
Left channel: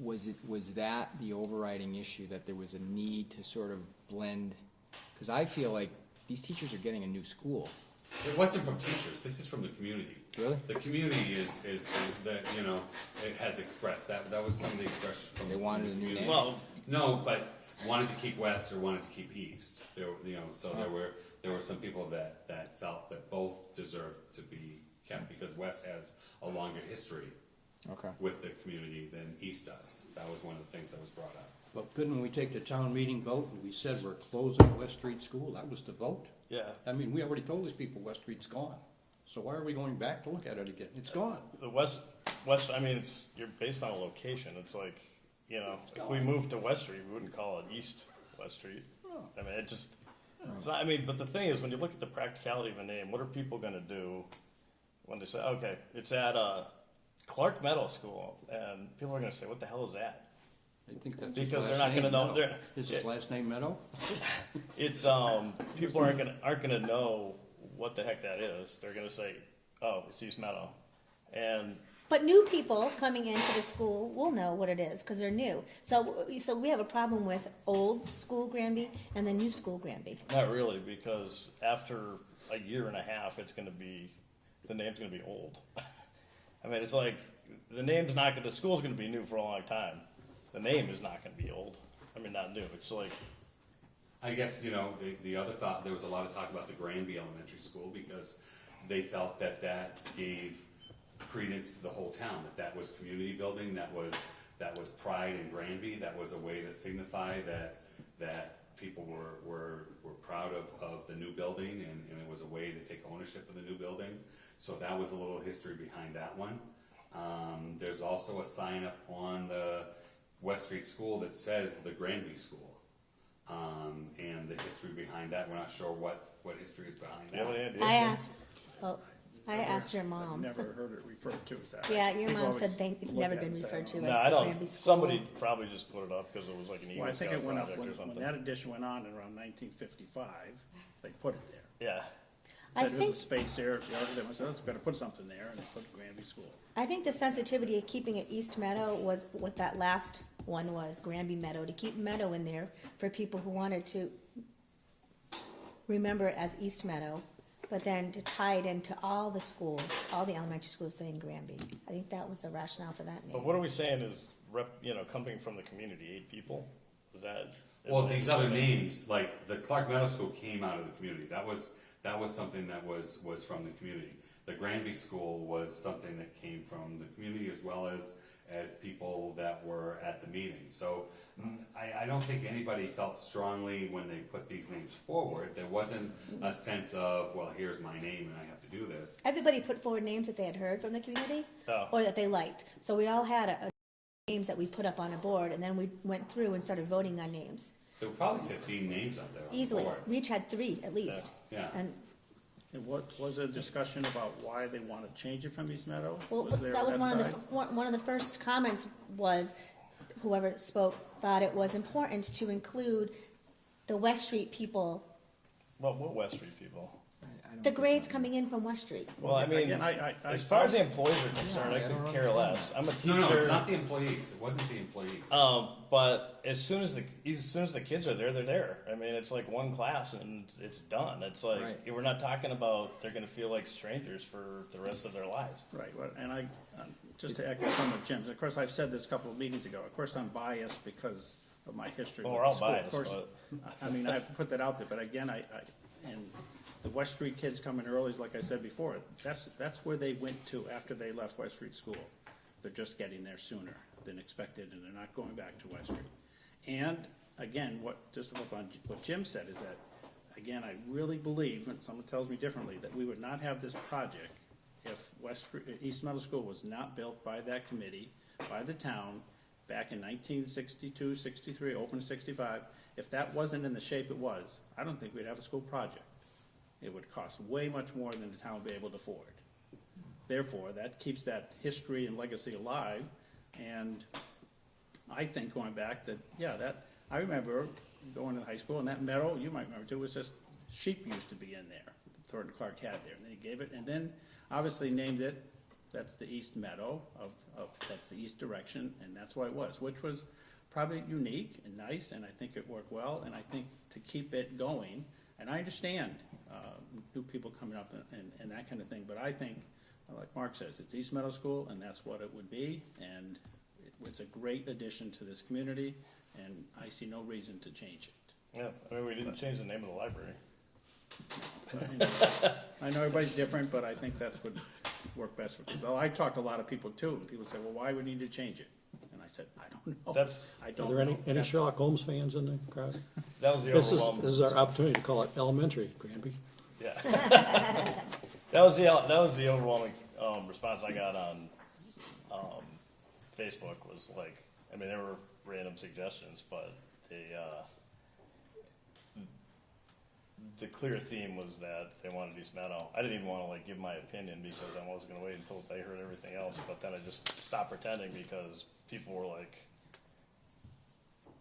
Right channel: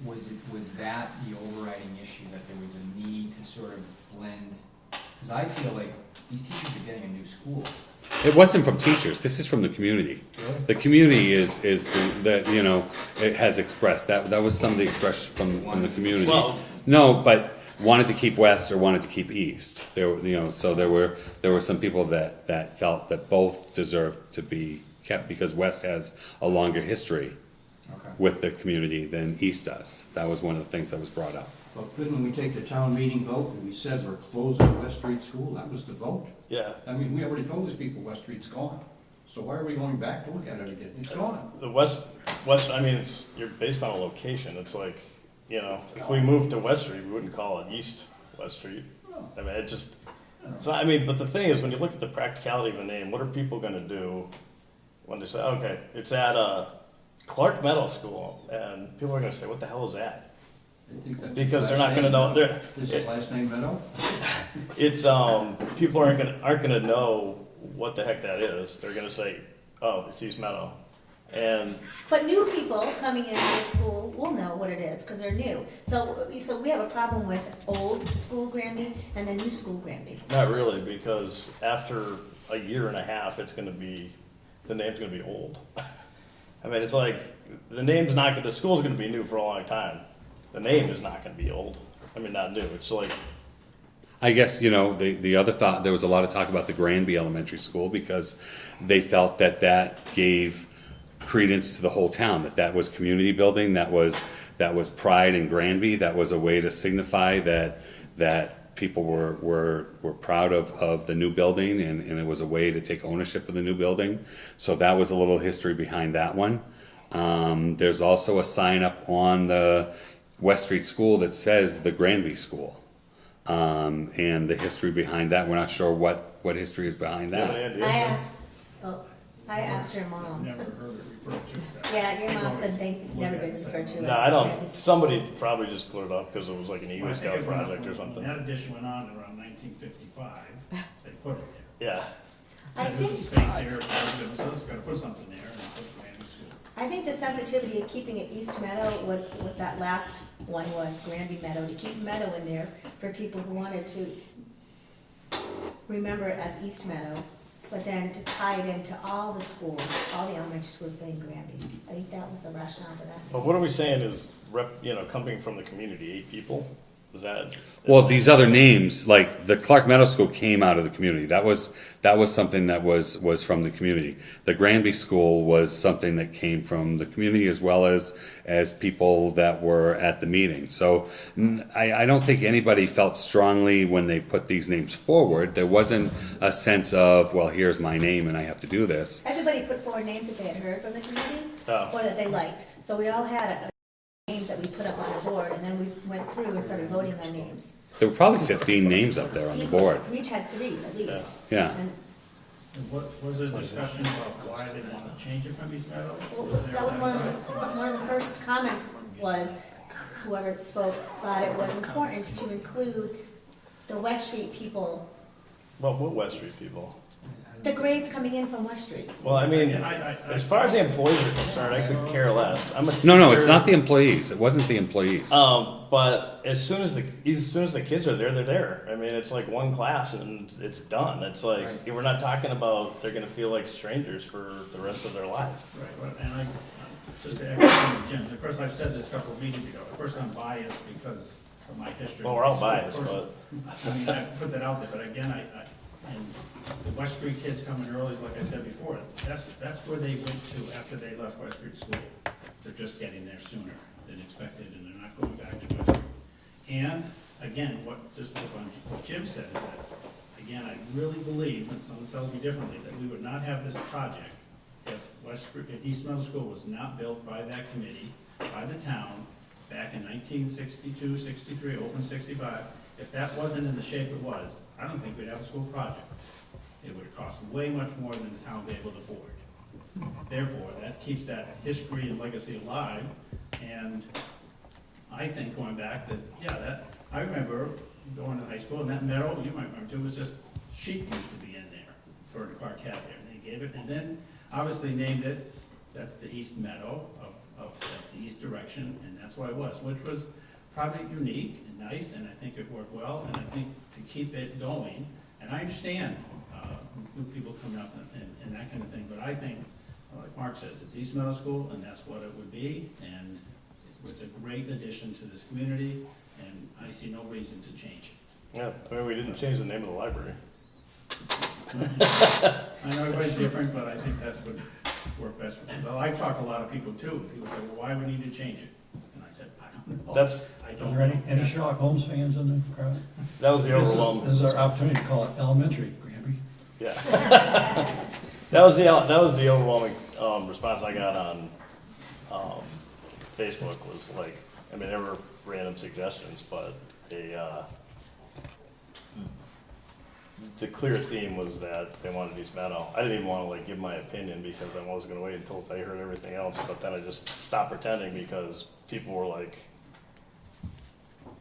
Was that the overriding issue, that there was a need to sort of blend? Because I feel like these teachers are getting a new school. It wasn't from teachers, this is from the community. Really? The community is the, you know, it has expressed, that was some of the expression from the community. Well- No, but wanted to keep west or wanted to keep east. There were, you know, so there were some people that felt that both deserved to be kept because west has a longer history Okay. with the community than east does. That was one of the things that was brought up. But couldn't we take the town meeting vote and we said we're closing West Street School? That was the vote. Yeah, I mean, we already told these people West Street's gone. So why are we going back to look at it again? It's gone. the west, I mean, you're based on a location, it's like, you know, if we moved to West Street, we wouldn't call it East West Street. I mean, it just, so, I mean, but the thing is, when you look at the practicality of a name, what are people gonna do when they say, okay, it's at, Clark Meadow School, and people are gonna say, what the hell is that? I think that's Because his they're last not gonna name, know, Meadow. Is his last name Meadow? it's, people aren't gonna know what the heck that is, they're gonna say, oh, it's East Meadow. And, But new people coming into the school will know what it is, because they're new. So we have a problem with old school Granby and the new school Granby. not really, because after a year and a half, it's gonna be, the name's gonna be old. I mean, it's like, the name's not gonna, the school's gonna be new for a long time. The name is not gonna be old. I mean, not new, it's like, I guess, you know, the other thought, there was a lot of talk about the Granby Elementary School because they felt that gave credence to the whole town, that was community building, that was pride in Granby, that was a way to signify that people were proud of the new building and it was a way to take ownership of the new building. So that was a little history behind that one. There's also a sign up on the West Street School that says the Granby School. And the history behind that, we're not sure what history is behind you have that. an idea? I asked your mom. Never heard it referred to as that. Yeah, your mom said it's never been referred to as. No, I don't, Granby. somebody probably just put it up because it was like an Well, Eagle I think Scout it went up project or when something. That addition went on in around 1955, they put it there. Yeah, I Said, There's a think- space here, so let's gotta put something there, and they put Granby School. I think the sensitivity of keeping it East Meadow was what that last one was, Granby Meadow, to keep Meadow in there for people who wanted to remember it as East Meadow, but then to tie it into all the schools, all the elementary schools saying Granby. I think that was the rationale for that. but what are we saying is coming from the community, 8 people? Is that? Well, these other names, like the Clark Meadow School came out of the community. That was something that was from the community. The Granby School was something that came from the community as well as people that were at the meeting. So I don't think anybody felt strongly when they put these names forward. There wasn't a sense of, well, here's my name and I have to do this. Everybody put forward names that they had heard from the community Oh. or that they liked. So we all had a names that we put up on the board, and then we went through and started voting on names. There were probably 15 names up there on the board. We each had 3 at least. Yeah. And, What, was there discussion about why they want to change it from East Meadow? well, Was there that was that side? one of the first comments was, whoever spoke thought it was important to include the West Street people, Well, what West Street people? the grades coming in from West Street. Well, I mean, I- as far as the employees are concerned, I could care less. I'm a teacher. No, it's not the employees. It wasn't the employees. But as soon as the kids are there, they're there. I mean, it's like one class and it's done. It's like we're not talking about they're going to feel like strangers for the rest of their lives. Right, but, and I, just to echo Jim's, of course, I've said this a couple of meetings ago, of course, I'm biased because of my history. Well, we're all So, of biased, course, but I mean, I put that out there, but again, and the West Street kids coming early, like I said before, that's where they went to after they left West Street School. They're just getting there sooner than expected, and they're not going back to West Street. And, again, what Jim said is that, again, I really believe, and someone tells me differently, that we would not have this project if East Middle School was not built by that committee, by the town, back in 1962, 63, open 65. If that wasn't in the shape it was, I don't think we'd have a school project. It would cost way much more than the town would be able to afford. Therefore, that keeps that history and legacy alive, and I think going back that, I remember going to high school, and that meadow, you might remember too, was just, sheep used to be in there, for the Clark Cat there, and they gave it, and then obviously named it, that's the east meadow that's the east direction, and that's what it was, which was probably unique and nice, and I think it worked well, and I think to keep it going, and I understand, new people coming up and that kind of thing, but I think, like Mark says, it's East Middle School, and that's what it would be, and it's a great addition to this community, and I see no reason to change it. yeah, I mean, we didn't change the name of the library. I know everybody's different, but I think that's what worked best for me. Well, I talk to a lot of people too, people say, well, why would we need to change it? And I said, I don't know. That's I Are don't. there any That's- Sherlock Holmes fans in the crowd? that was the overwhelming. This is our opportunity to call it elementary, Granby. Yeah. that was the overwhelming response I got on Facebook was like, I mean, there were random suggestions, but the clear theme was that they wanted East Meadow. I didn't even want to like give my opinion because I was going to wait until I heard everything else, but then I just stopped pretending because people were like,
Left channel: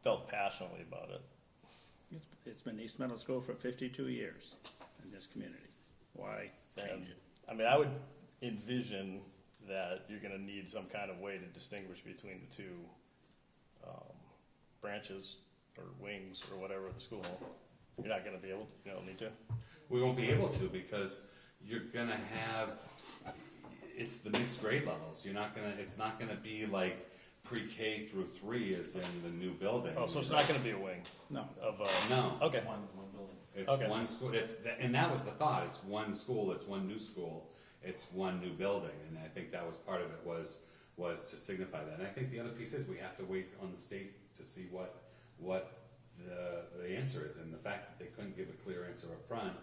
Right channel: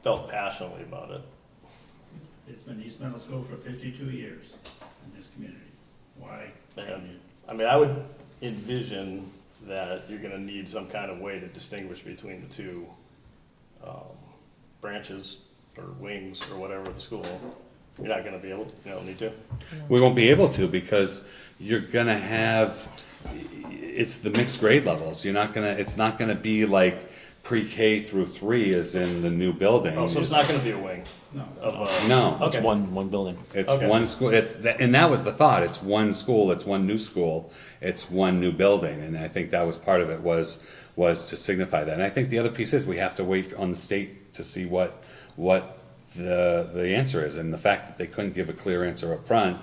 felt passionately about it. It's been East Middle School for 52 years in this community. Why change And, it? I mean, I would envision that you're gonna need some kind of way to distinguish between the two branches or wings or whatever of the school. You're not gonna be able to, you don't need to. We won't be able to because you're gonna have, it's the mixed grade levels. It's not gonna be like pre-K through 3 is in the new building. Oh, so it's not gonna be a wing No. of, No. okay. It's one building. It's Okay. one school, and that was the thought, it's one school, it's one new school, it's one new building, and I think that was part of it, was to signify that. And I think the other piece is, we have to wait on the state to see what the answer is, and the fact that they couldn't give a clear answer up front,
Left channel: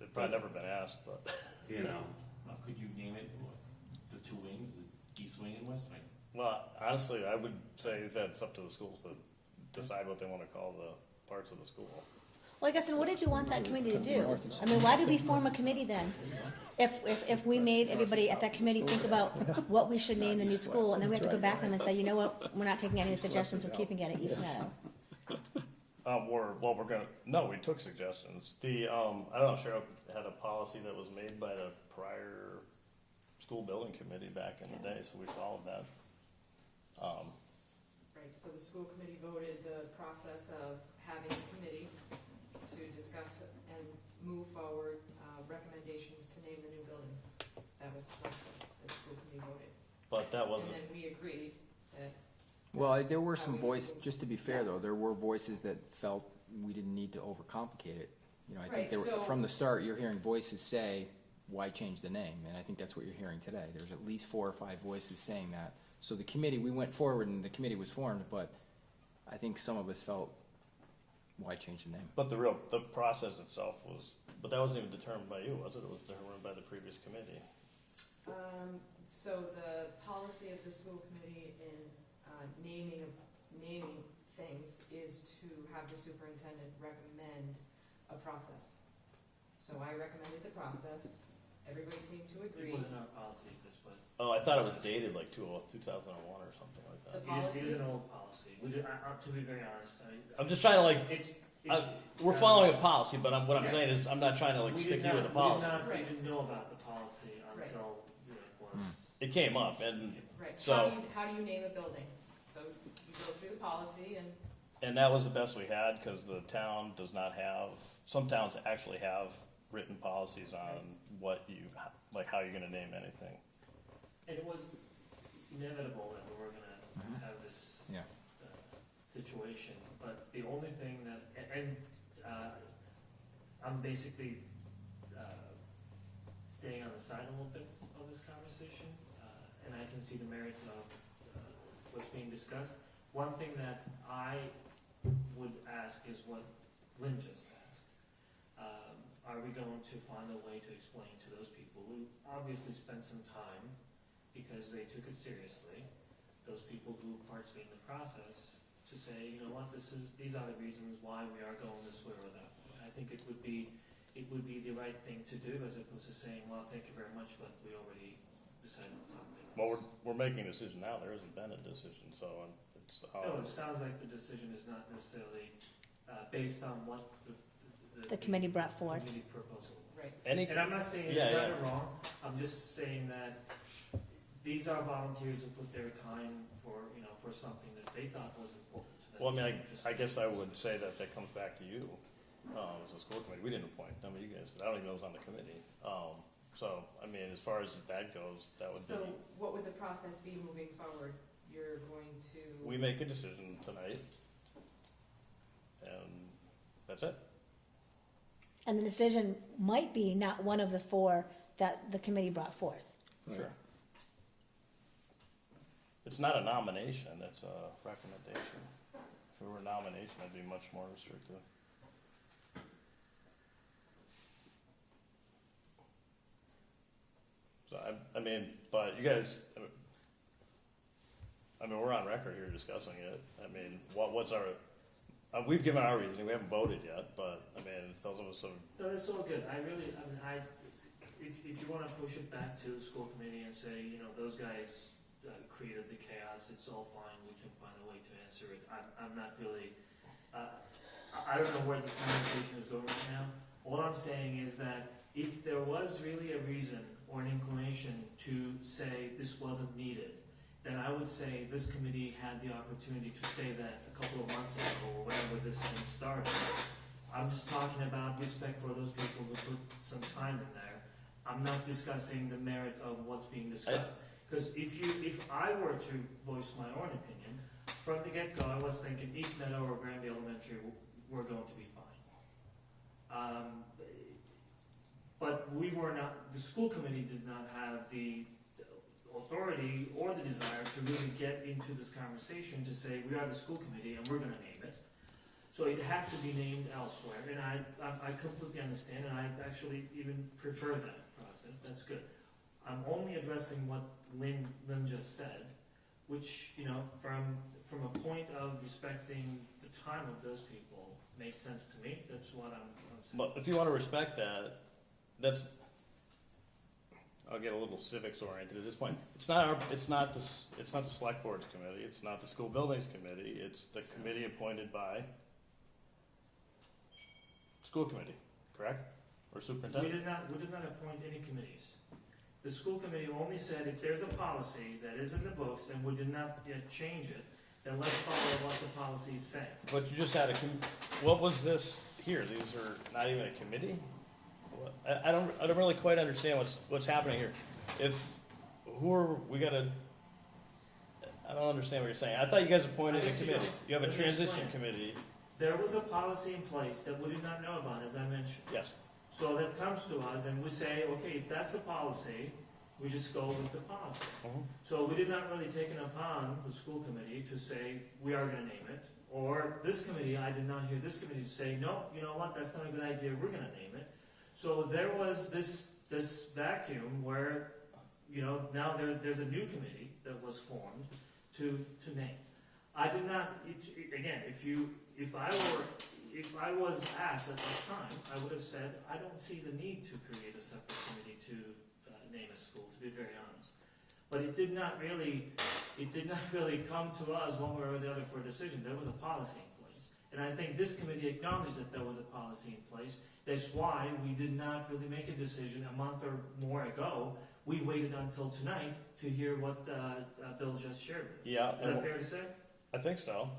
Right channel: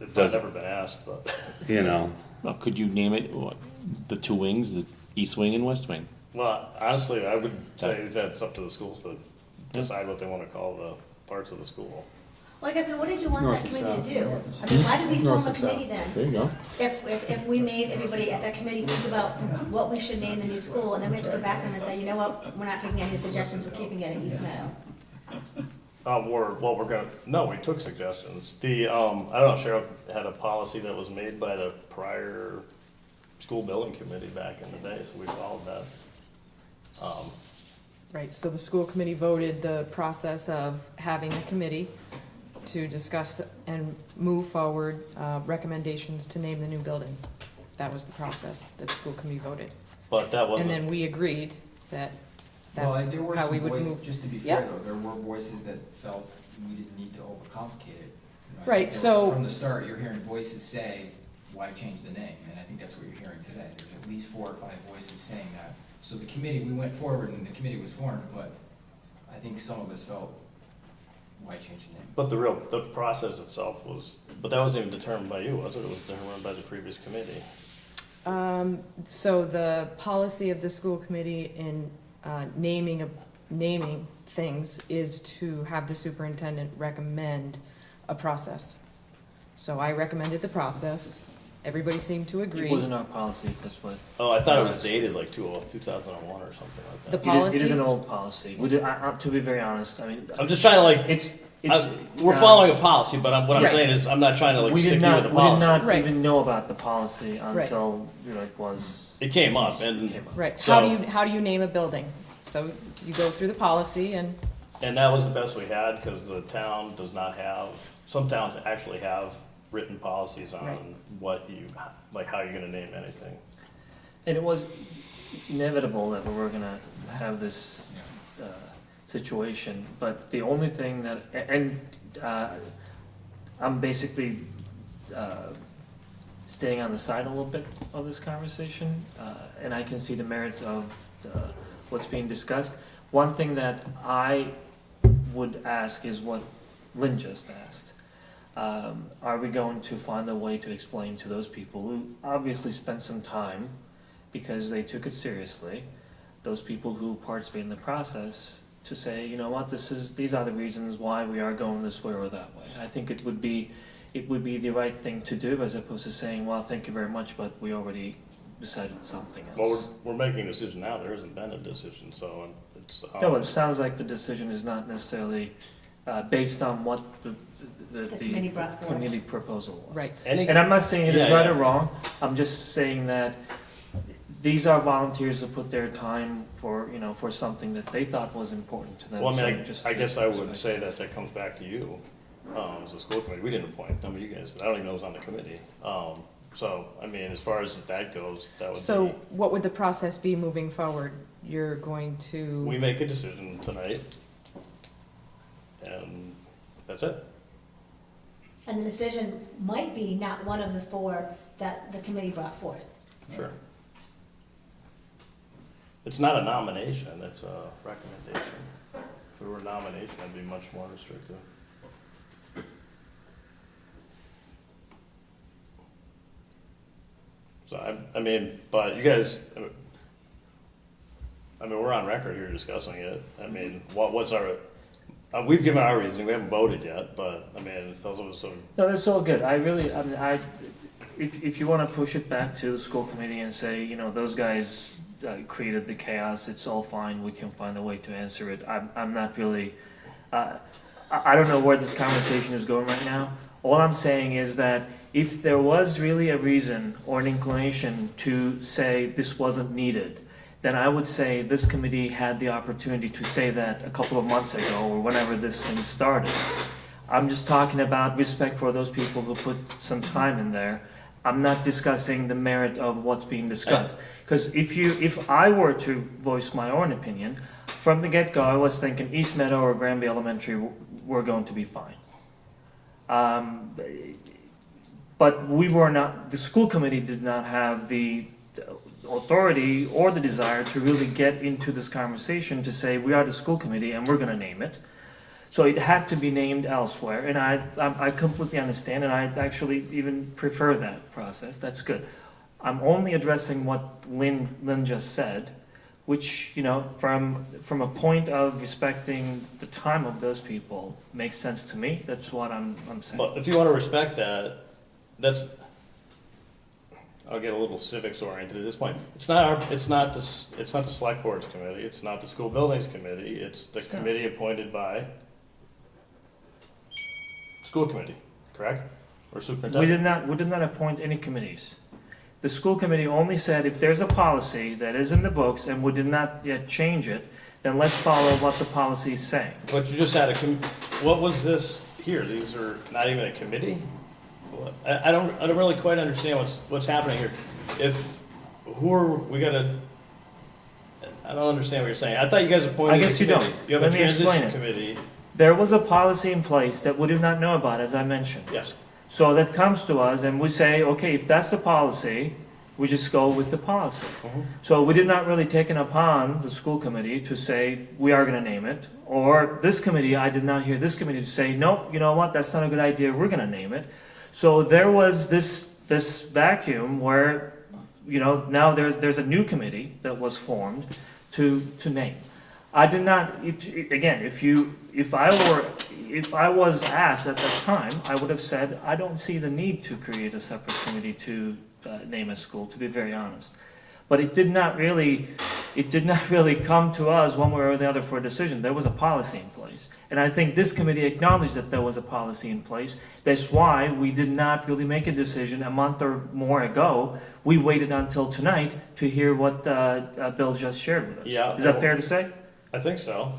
It's does- never been asked, but, you know. Well, could you name it, the two wings, the east wing and west wing? well, honestly, I would say that it's up to the schools to decide what they wanna call the parts of the school. Like I said, what did you want North that and committee to south. do? North and I mean, why did we North form a and south. committee then? There you go. If we made everybody at that committee think about what we should name the new school, and then we have to go back to them and say, you know what, we're not taking any suggestions, we're keeping it at East Meadow. No, we took suggestions. I don't know, Cheryl had a policy that was made by the prior school building committee back in the day, so we followed that. Right, so the school committee voted the process of having a committee to discuss and move forward recommendations to name the new building. That was the process that the school committee voted. But that And wasn't, then we agreed that Well, that's there were how some we would voices, move. just to be fair Yeah. though, there were voices that felt we didn't need to overcomplicate it. You know, I think Right, there were- so- From the start, you're hearing voices say, why change the name? And I think that's what you're hearing today. There's at least 4 or 5 voices saying that. So the committee, we went forward and the committee was formed, but I think some of us felt, why change the name? but the process itself was, but that wasn't even determined by you, was it? It was determined by the previous committee. So the policy of the school committee in naming things is to have the superintendent recommend a process. So I recommended the process, everybody seemed to agree. It wasn't our policy this way. Oh, I thought it was dated like 2001 or something like The that. policy? It is an old policy. We did, to be very honest, I mean, I'm just trying to like, it's, we're following a policy, but what I'm Right. saying is, I'm not trying to like we stick did you with not, the we did policy. not Right. even know about the policy Right. until, it was. It came up, and came up. Right, So- how do you name a building? So you go through the policy and, that was the best we had, because the town does not have, some towns actually have written policies on Right. what you, like how you're gonna name anything. And it was inevitable that we were gonna have this situation, but the only thing that, I'm basically staying on the side a little bit of this conversation, and I can see the merit of what's being discussed. One thing that I would ask is what Lynn just asked. Are we going to find a way to explain to those people who obviously spent some time because they took it seriously, those people who participate in the process, to say, you know what, these are the reasons why we are going this way or that way. I think it would be the right thing to do, as opposed to saying, well, thank you very much, but we already decided something else. Well, we're making a decision now, there hasn't been a decision, so it's. No, it sounds like the decision is not necessarily based on what the committee brought forward. committee proposal was. right, And I'm not saying it is Yeah, right yeah. or wrong, I'm just saying that these are volunteers who put their time for, for something that they thought was important to them. Well, I So mean, just I to guess I would respect. say that comes back to you, as a school committee, we didn't appoint, none of you guys, I don't even know who's on the committee. So, I mean, as far as that goes, that would so be, what would the process be moving forward? You're going to, we make a decision tonight, and that's it. And the decision might be not one of the four that the committee brought forth. Sure. It's not a nomination, it's a recommendation. If it were a nomination, that'd be much more restrictive. So I mean, but you guys, I mean, we're on record here discussing it. I mean, what's our, we've given our reasoning, we haven't voted yet, but, I mean, those of us who. No, that's all good. If you wanna push it back to the school committee and say, those guys created the chaos, it's all fine, we can find a way to answer it. I'm not really, I don't know where this conversation is going right now. All I'm saying is that if there was really a reason or an inclination to say this wasn't needed, then I would say this committee had the opportunity to say that a couple of months ago or whenever this thing started. I'm just talking about respect for those people who put some time in there. I'm not discussing the merit of what's being discussed. Because if I were to voice my own opinion, from the get-go, I was thinking East Meadow or Granby Elementary were going to be fine. But we were not, the school committee did not have the authority or the desire to really get into this conversation to say, we are the school committee and we're gonna name it. So it had to be named elsewhere, and I completely understand, and I actually even prefer that process, that's good. I'm only addressing what Lynn just said, which, from a point of respecting the time of those people, makes sense to me, that's what I'm saying. But if you wanna respect that, I'll get a little civics oriented at this point. It's not the select board's committee, it's not the school buildings committee, it's the It's not. committee appointed by school committee, correct? Or We superintendent? did not appoint any committees. The school committee only said if there's a policy that is in the books and we did not yet change it, then let's follow what the policy is saying. But you just had what was this here? These are not even a committee? I don't really quite understand what's happening here. I don't understand what you're saying. I thought you guys appointed I a guess you committee. don't. You have a Let me explain transition it. committee, There was a policy in place that we did not know about, as I mentioned. yes. So that comes to us and we say, okay, if that's the policy, we just go with the policy. So we did not really take it upon the school committee to say, we are gonna name it. Or this committee, I did not hear this committee to say, nope, you know what, that's not a good idea, we're gonna name it. So there was this vacuum where, now there's a new committee that was formed to name. I did not, again, if I was asked at that time, I would have said, I don't see the need to create a separate committee to name a school, to be very honest. But it did not really come to us one way or the other for a decision. There was a policy in place. And I think this committee acknowledged that there was a policy in place. That's why we did not really make a decision a month or more ago. We waited until tonight to hear what Bill just shared with us. Yeah, Is that fair to say? I think so.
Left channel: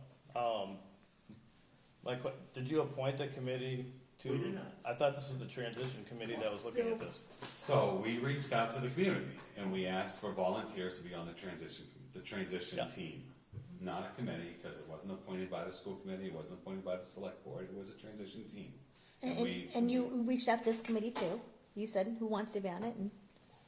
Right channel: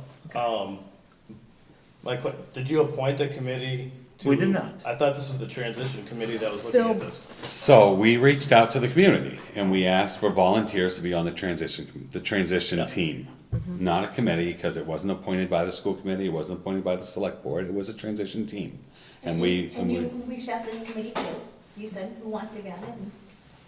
Did you appoint a committee? We did not. I thought this was the transition committee that was looking Bill- at this. So we reached out to the community and we asked for volunteers to be on the transition Yeah. team. Not a committee, because it wasn't appointed by the school committee, it wasn't appointed by the select board, it was a transition team. And you reached out to this committee too, you said, who wants to be on it, and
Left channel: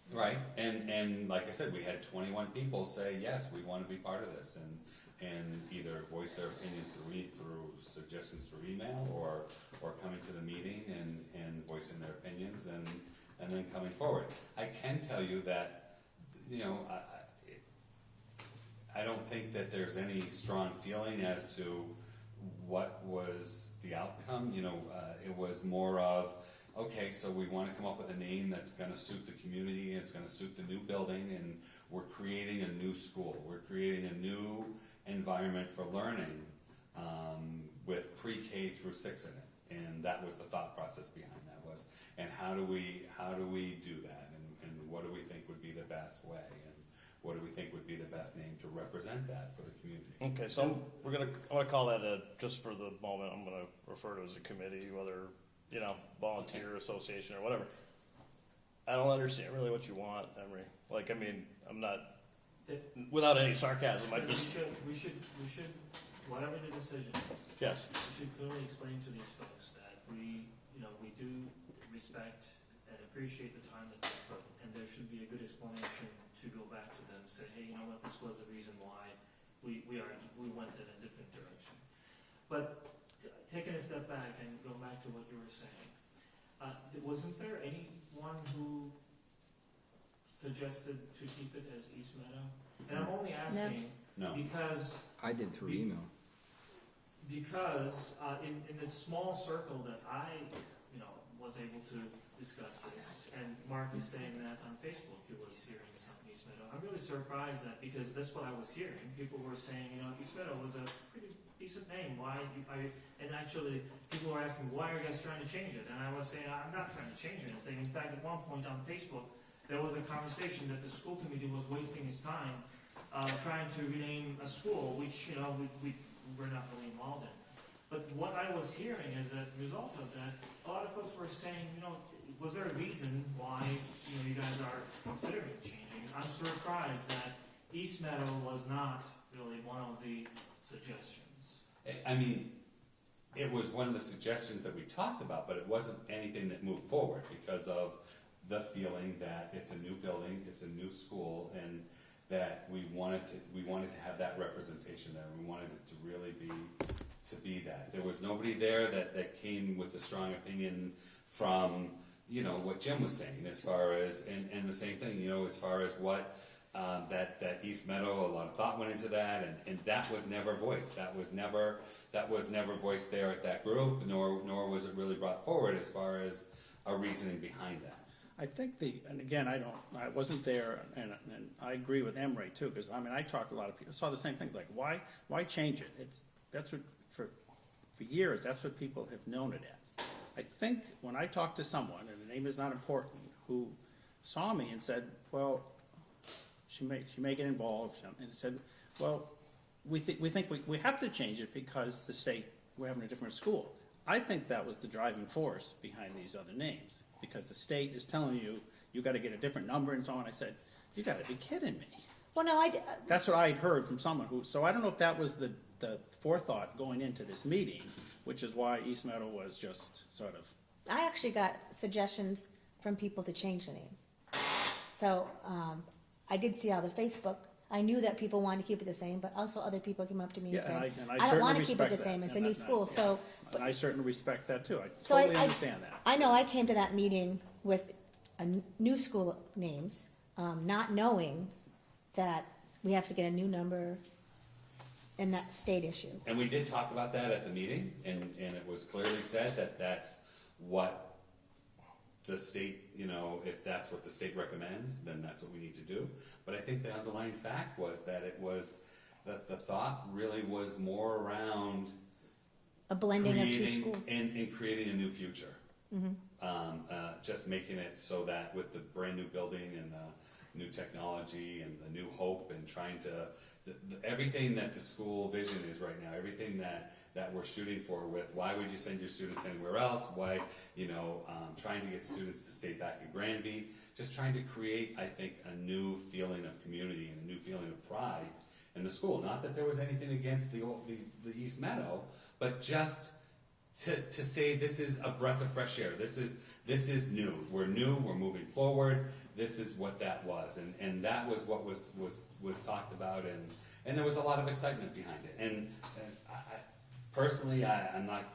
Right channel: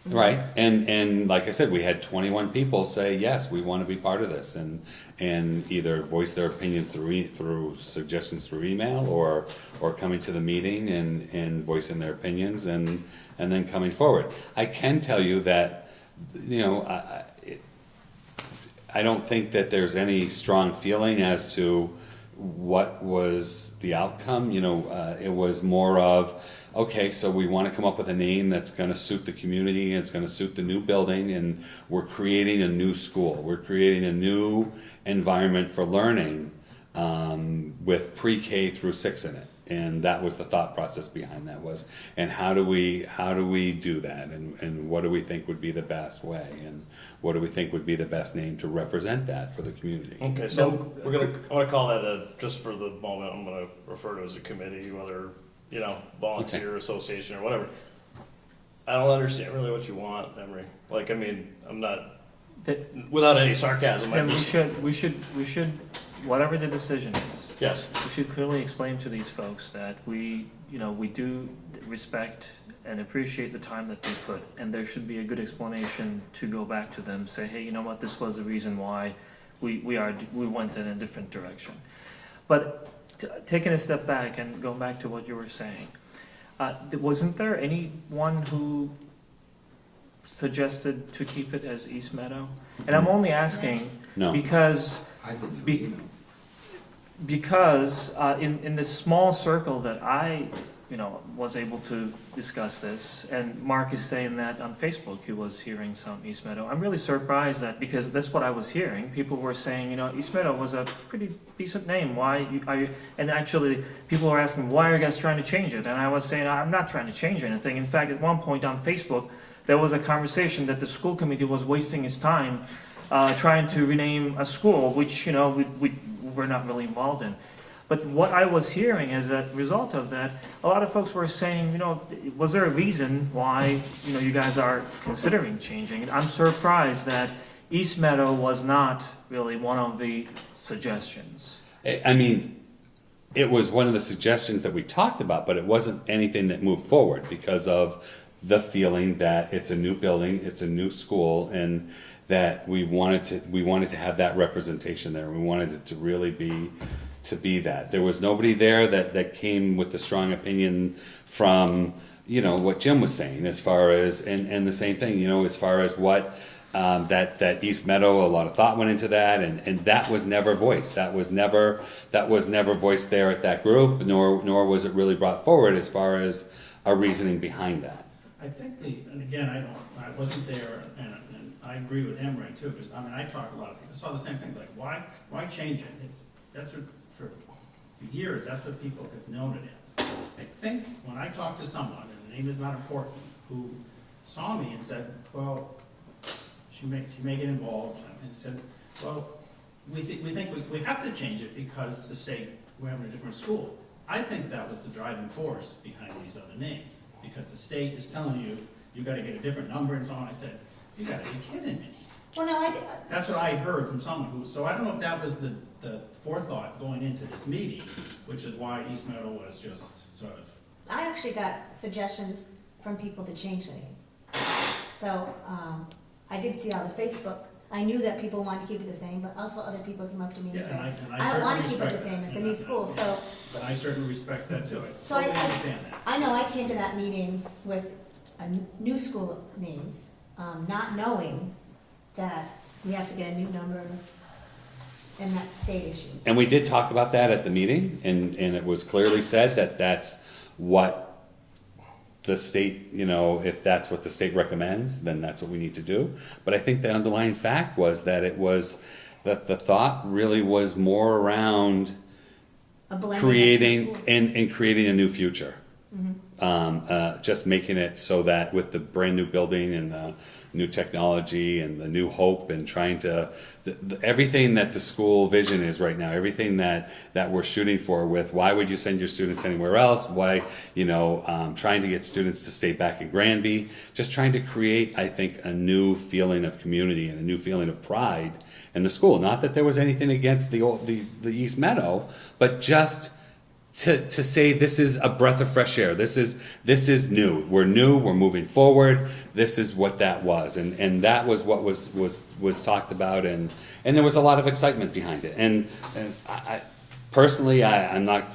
Right, and like I said, we had 21 people say, yes, we want to be part of this, and either voice their opinions through suggestions through email, or coming to the meeting and voicing their opinions, and then coming forward. I can tell you that, I don't think that there's any strong feeling as to what was the outcome. It was more of, okay, so we want to come up with a name that's going to suit the community, and it's going to suit the new building, and we're creating a new school. We're creating a new environment for learning with pre-K through 6 in it. And that was the thought process behind that was, and how do we do that, and what do we think would be the best way, and what do we think would be the best name to represent that for the community? Okay, so I'm gonna call that just for the moment, I'm gonna refer to it as a committee, whether, volunteer association or whatever. I don't understand really what you want, Emery. I'm not, without any sarcasm, And we should, whatever the decision is, yes. we should clearly explain to these folks that we do respect and appreciate the time that they put, and there should be a good explanation to go back to them, say, hey, you know what, this was the reason why we went in a different direction. But taking a step back and going back to what you were saying, wasn't there anyone who suggested to keep it as East Meadow? And I'm only asking No. because I did three. because in this small circle that I was able to discuss this, and Mark is saying that on Facebook he was hearing some East Meadow. I'm really surprised because that's what I was hearing. People were saying, East Meadow was a pretty decent name. Why are you? And actually, people were asking, why are you guys trying to change it? And I was saying, I'm not trying to change anything. In fact, at one point on Facebook, there was a conversation that the school committee was wasting its time trying to rename a school, which we're not really involved in. But what I was hearing as a result of that, a lot of folks were saying, was there a reason why, you guys are considering changing it? I'm surprised that East Meadow was not really one of the suggestions. I mean, it was one of the suggestions that we talked about, but it wasn't anything that moved forward because of the feeling that it's a new building, it's a new school, and that we wanted to have that representation there. We wanted it to really be that. There was nobody there that came with the strong opinion from, what Jim was saying as far as, and the same thing, as far as what, that East Meadow, a lot of thought went into that, and that was never voiced. That was never voiced there at that group, nor was it really brought forward as far as a reasoning behind that. I think and again, I wasn't there, and I agree with Emery too, because, I talked to a lot of people, saw the same thing, like, why change it? That's what, for years, that's what people have known it as. I think when I talked to someone, and the name is not important, who saw me and said, well, she may get involved, and said, well, we think we have to change it because the state, we're having a different school. I think that was the driving force behind these other names, because the state is telling you gotta get a different number and so on. I said, you gotta be kidding me. well, no, That's what I heard from someone so I don't know if that was the forethought going into this meeting, which is why East Meadow was just sort of. I actually got suggestions from people to change the name. So, I did see all the Facebook. I knew that people wanted to keep it the same, but also other people came up to me and Yeah, said, and I don't want to keep it respect the same, that. it's a new school, so. But I certainly respect that too. So I totally understand that. I know I came to that meeting with new school names, not knowing that We have to get a new number, and that's state issue. And we did talk about that at the meeting, and it was clearly said that that's what the state, you know, if that's what the state recommends, then that's what we need to do. But I think the underlying fact was that that the thought really was more around A blending of two creating, schools. and creating a new future. Mhm. Just making it so that with the brand new building and the new technology and the new hope and trying to, everything that the school vision is right now, everything that we're shooting for with, why would you send your students anywhere else? Why, you know, trying to get students to stay back in Granby, just trying to create, I think, a new feeling of community and a new feeling of pride in the school. Not that there was anything against the East Meadow, but just to say this is a breath of fresh air. This is new. We're moving forward. This is what that was. And that was what was talked about, and there was a lot of excitement behind it. And I personally, I'm not,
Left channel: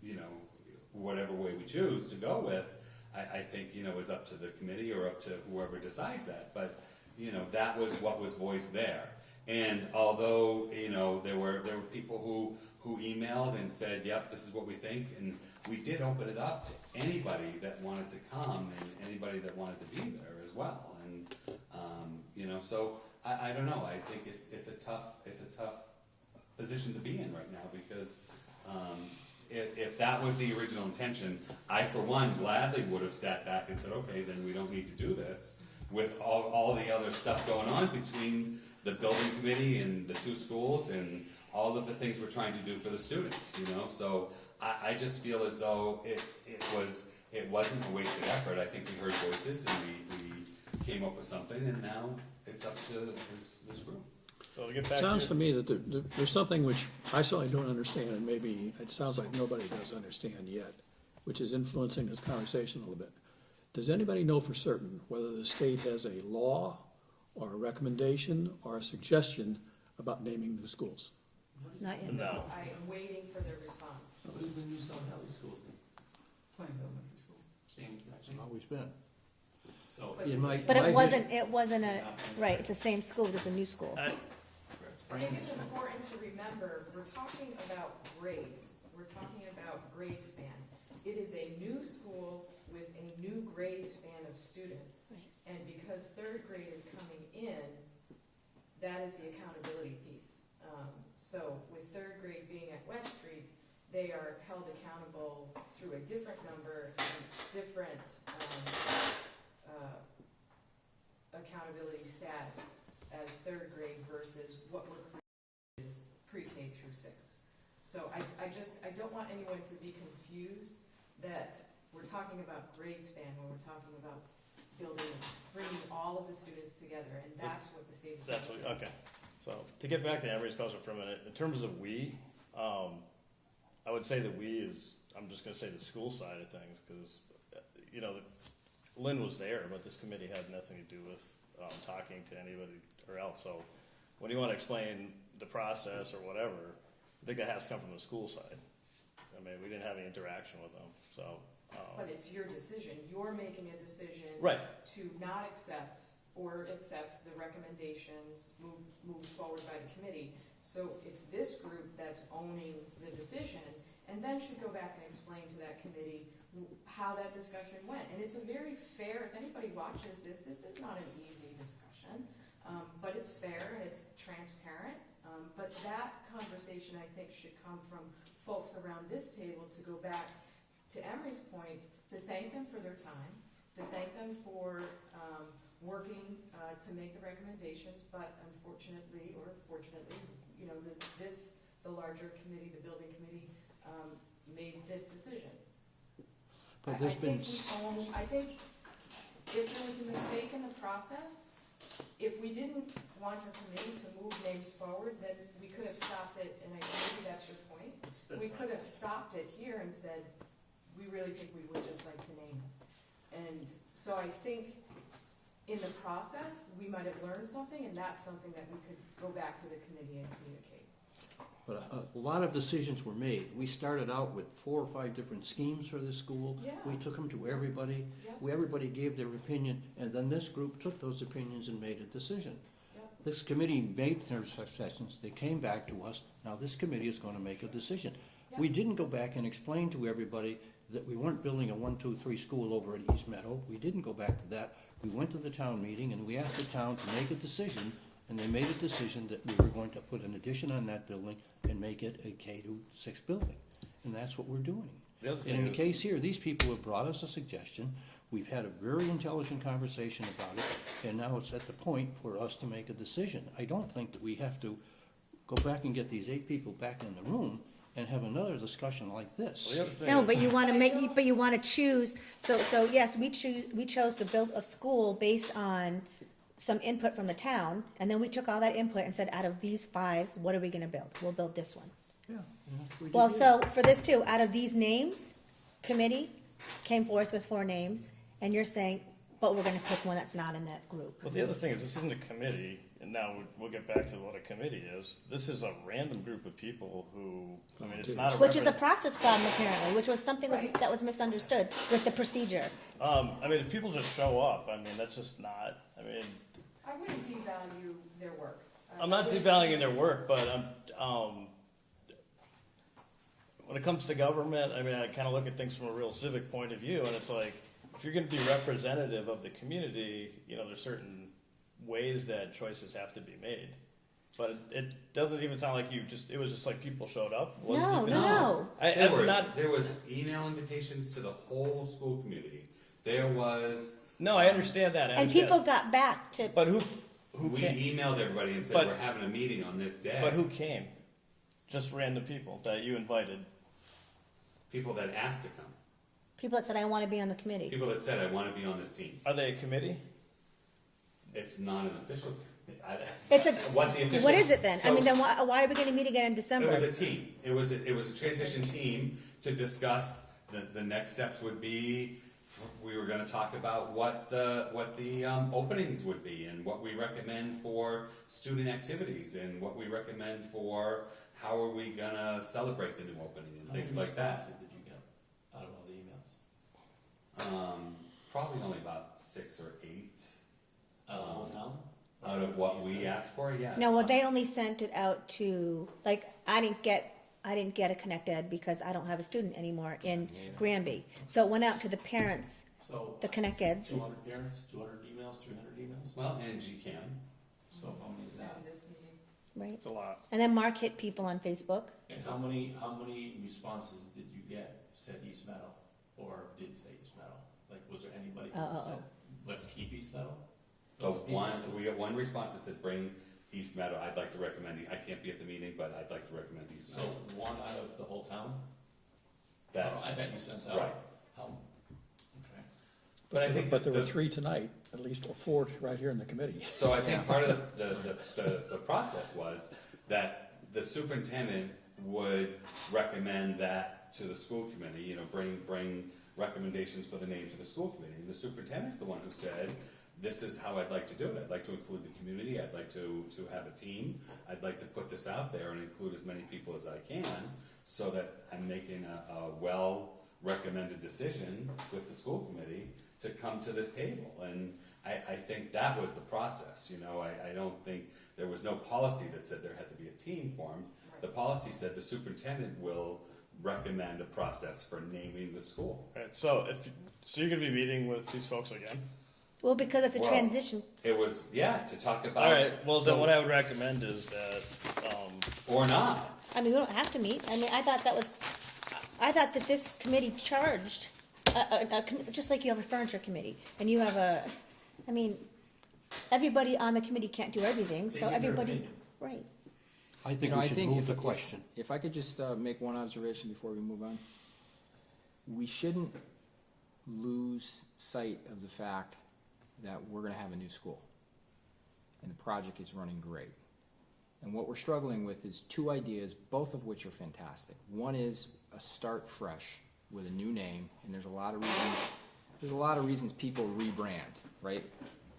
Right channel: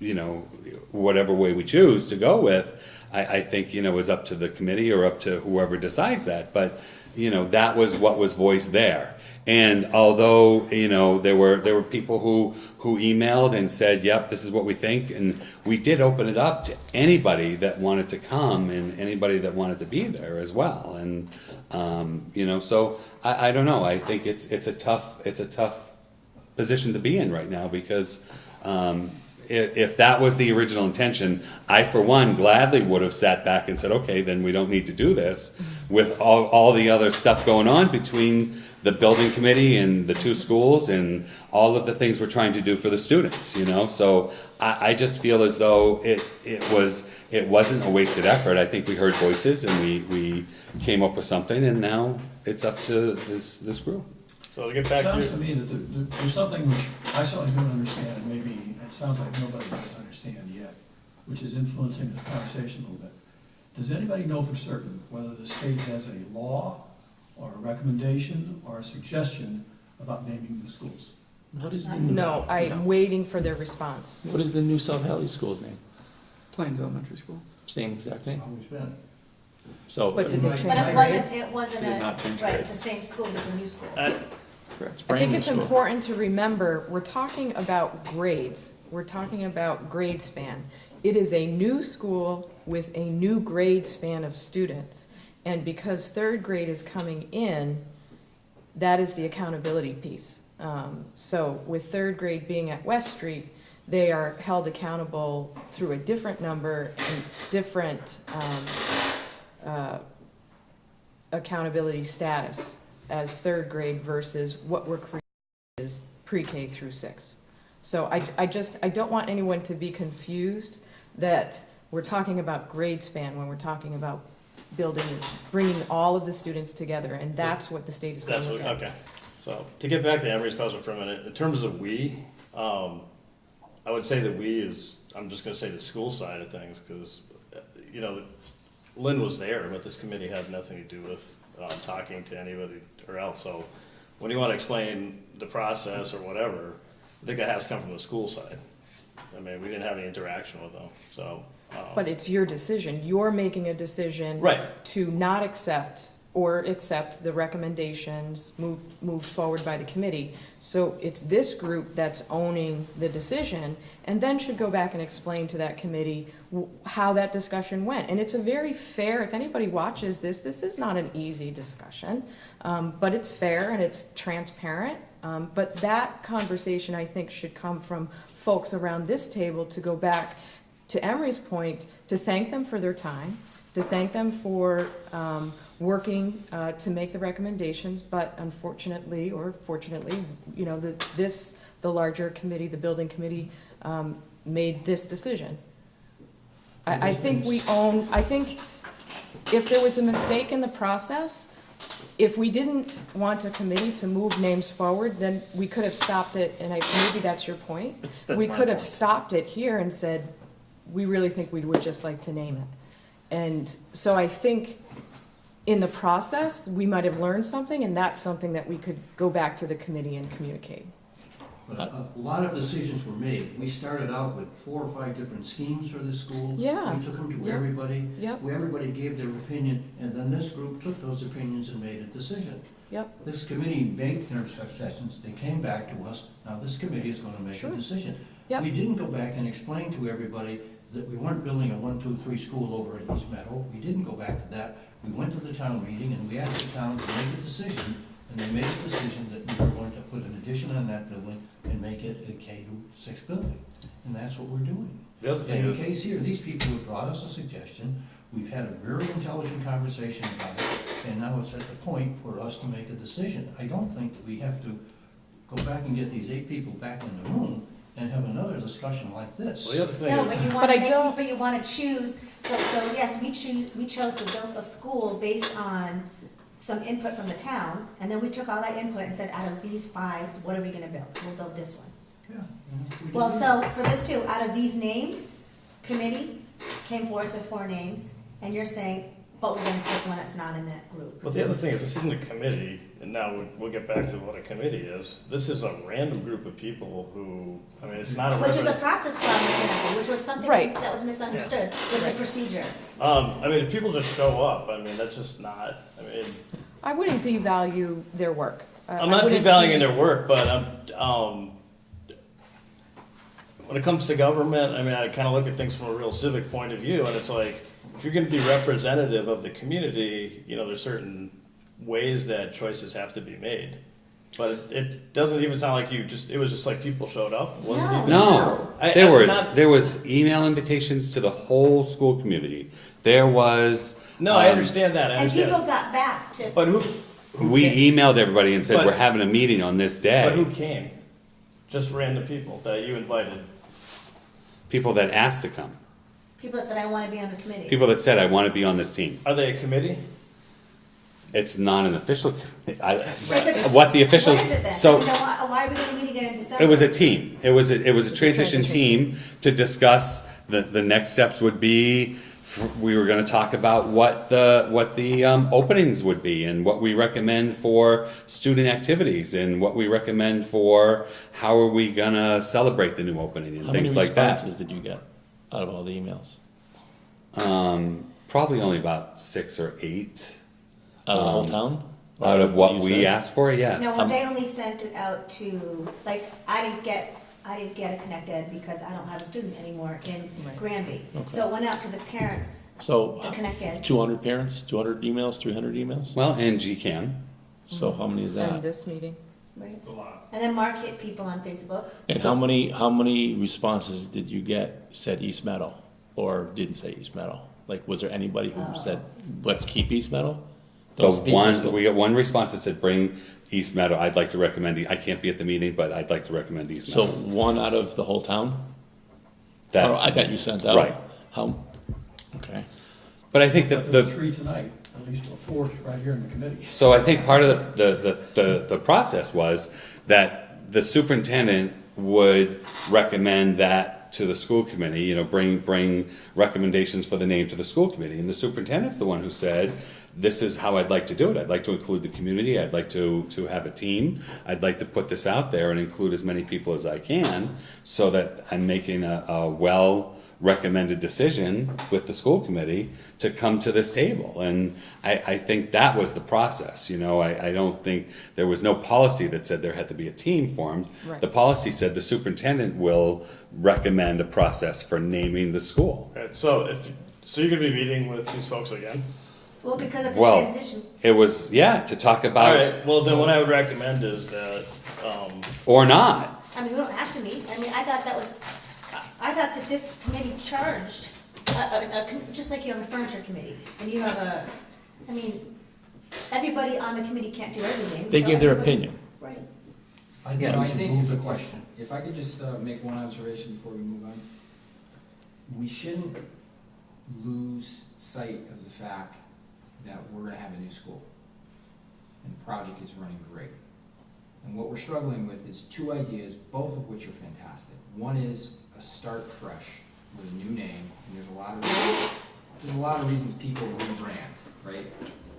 you know, whatever way we choose to go with, I think, you know, is up to the committee or up to whoever decides that. But, you know, that was what was voiced there. And although, you know, there were people who emailed and said, yep, this is what we think, and we did open it up to anybody that wanted to come and anybody that wanted to be there as well. And you know, so I don't know. I think it's a tough position to be in right now, because if that was the original intention, I for one gladly would have sat back and said, okay, then we don't need to do this, with all the other stuff going on between the building committee and the two schools and all of the things we're trying to do for the students, you know? So I just feel as though it wasn't a wasted effort. I think we heard voices and we came up with something, and now it's up to this group. So to get back to Sounds your, to me that there's something which I certainly don't understand, and maybe it sounds like nobody does understand yet, which is influencing this conversation a little bit. Does anybody know for certain whether the state has a law or a recommendation or a suggestion about naming the schools? What is the No, I'm waiting for their response. What is the new South Hadley school's name? Plains Elementary School. Same exact name. Always been. So But did they change But it? it wasn't Did not change right, grades. it's the same school, it's a new school. Correct. I think it's important to remember, we're talking about grades. We're talking about grade span. It is a new school with a new grade span of students. And because third grade is coming in, that is the accountability piece. So with third grade being at West Street, they are held accountable through a different number and different accountability status as third grade versus what we're creating is pre-K through 6. So I don't want anyone to be confused that we're talking about grade span when we're talking about bringing all of the students together, and that's what the state is going that's to what, look at. okay. So to get back to Emery's question for a minute, in terms of we, I would say that we is, I'm just gonna say the school side of things, because, you know, Lynn was there, but this committee had nothing to do with talking to anybody or else. So when you want to explain the process or whatever, I think that has to come from the school side. I mean, we didn't have any interaction with them, so. But it's your decision. You're making a decision Right, to not accept or accept the recommendations moved forward by the committee. So it's this group that's owning the decision, and then should go back and explain to that committee how that discussion went. And it's a very fair, if anybody watches this is not an easy discussion, but it's fair and it's transparent. But that conversation, I think, should come from folks around this table to go back to Emery's point, to thank them for their time, to thank them for working to make the recommendations, but unfortunately, or fortunately, you know, the larger committee, the building committee, made this decision. I think if there was a mistake in the process, if we didn't want a committee to move names forward, then we could have stopped it, and maybe that's your point. That's We my could have point. stopped it here and said, we really think we would just like to name it. And so I think in the process, we might have learned something, and that's something that we could go back to the committee and communicate. But a lot of decisions were made. We started out with 4 or 5 different schemes for this school. Yeah. We took them to Yep. everybody. Yep, Everybody gave their opinion, and then this group took those opinions and made a decision. Yep. This committee made their suggestions, they came back to us, now this committee is gonna make a Sure. decision. Yep. We didn't go back and explain to everybody that we weren't building a 1, 2, 3 school over at East Meadow. We didn't go back to that. We went to the town meeting and we asked the town to make a decision, and they made a decision that we were going to put an addition on that building and make it a K-6 building. And that's what we're doing. The other thing In the is, case here, these people have brought us a suggestion, we've had a very intelligent conversation about it, and now it's at the point for us to make a decision. I don't think that we have to go back and get these 8 people back in the room and have another discussion like this. well, the other thing No, is, but you But wanna I make, don't- but you wanna choose, so yes, we chose to build a school based on some input from the town, and then we took all that input and said, out of these 5, what are we gonna build? We'll build this one. Yeah, we Well, did so for this too, out of these names, committee came forth with 4 names, and you're saying, but we're gonna pick one that's not in that group. well, the other thing is, this isn't a committee, and now we'll get back to what a committee is. This is a random group of people who, I mean, it's not a. Which is a process problem apparently, which was something Right. that was misunderstood with the procedure. I mean, if people just show up, I mean, that's just not, I mean, I wouldn't devalue their work. I'm not devaluing their work, but when it comes to government, I mean, I kind of look at things from a real civic point of view, and it's like, if you're gonna be representative of the community, you know, there's certain ways that choices have to be made. But it doesn't even sound like it was just like people showed up, it wasn't No. even. No, I'm there not- was email invitations to the whole school community. There was. No, I understand that, I And people understand. got back to, But who We came? emailed everybody and said, But- we're having a meeting on this But who day. came? Just random people that you invited. People that asked to come. people that said, I wanna be on the committee. People that said, I want to be on this team. Are they a committee? It's not an official, It's a- what the officials. What is it then? I So mean, then why are we gonna meet again in December? it was a team. It was a transition team to discuss the next steps would be. We were gonna talk about what the openings would be and what we recommend for student activities and what we recommend for how are we gonna celebrate the new opening and How many things like that. responses did you get out of all the emails? Probably only about 6 or 8 Out of the whole town? Or out of what you we said? asked for, yes. No, they only sent it out to, like, I didn't get a Connect Ed because I don't have a student anymore in Right. Granby. Okay. So it went out to the parents, So, the Connect Ed. 200 parents, 200 emails, 300 emails? Well, and GCAM. So how many is And that? this meeting. Right. It's a lot. And then Mark hit people on Facebook. And how many responses did you get said East Meadow, or didn't say East Meadow? Like, was there anybody who said, let's keep East Meadow? Those people still- We got one response that said, bring East Meadow, I'd like to recommend, I can't be at the meeting, but I'd like to recommend East So Meadow. one out of the whole town? That's, Or I thought you sent out. right. How, okay. But I think But that there the, were 3 tonight, at least 4 right here in the committee. so I think part of the process was that the superintendent would recommend that to the school committee, you know, bring recommendations for the name to the school committee. And the superintendent's the one who said, this is how I'd like to do it. I'd like to include the community. I'd like to have a team. I'd like to put this out there and include as many people as I can so that I'm making a well-recommended decision with the school committee to come to this table. And I think that was the process, you know. I don't think, there was no policy that said there had to be a team formed. Right. The policy said the superintendent will recommend a process for naming the school. Right, so you're gonna be meeting with these folks again? Well, because it's a Well, transition. It was, yeah, to talk about, Alright, well, then what I would recommend is that, or not. I mean, we don't have to meet. I mean, I thought that this committee charged, just like you have a furniture committee, and you have I mean, everybody on the committee can't do everything. They so gave their everybody- opinion. Right. I think You know, we I should think move if the a question. If I could just make one observation before we move on. We shouldn't lose sight of the fact that we're gonna have a new school. And the project is running great. And what we're struggling with is 2 ideas, both of which are fantastic. One is a start fresh with a new name, and there's a lot of reasons people rebrand, right?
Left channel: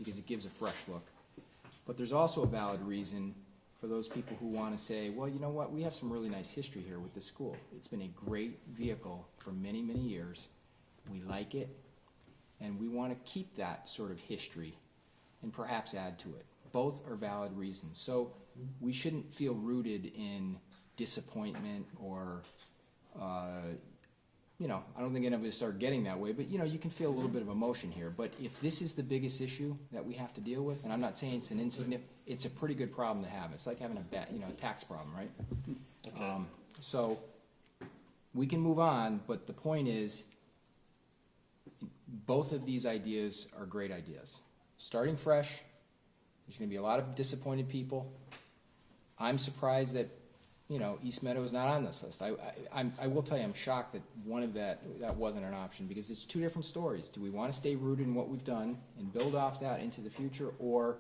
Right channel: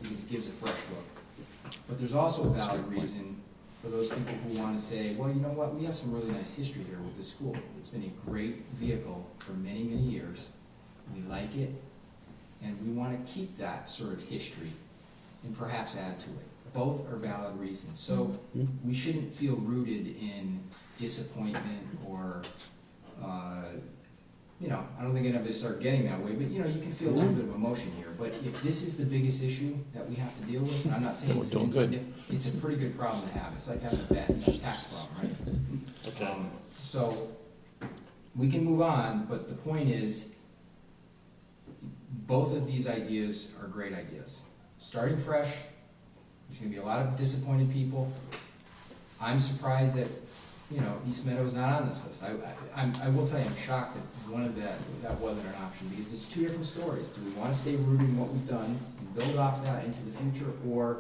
Because it gives a fresh look. But there's also a valid reason for those people who wanna say, well, you know what, we have some really nice history here with this school. It's been a great vehicle for many, many years. We like it, and we wanna keep that sort of history and perhaps add to it. Both are valid reasons, so Mhm. we shouldn't feel rooted in disappointment or, you know, I don't think any of us are getting that way, but, you know, you can feel a little bit of emotion here. But if this is the biggest issue that we have to deal with, and I'm not saying it's an We're doing good. insignificant, it's a pretty good problem to have. It's like having a bad, you know, tax problem, right? Okay. So, we can move on, but the point is, both of these ideas are great ideas. Starting fresh, there's gonna be a lot of disappointed people. I'm surprised that, you know, East Meadow is not on this list. I will tell you, I'm shocked that one of that wasn't an option, because it's two different stories. Do we wanna stay rooted in what we've done and build off that into the future, or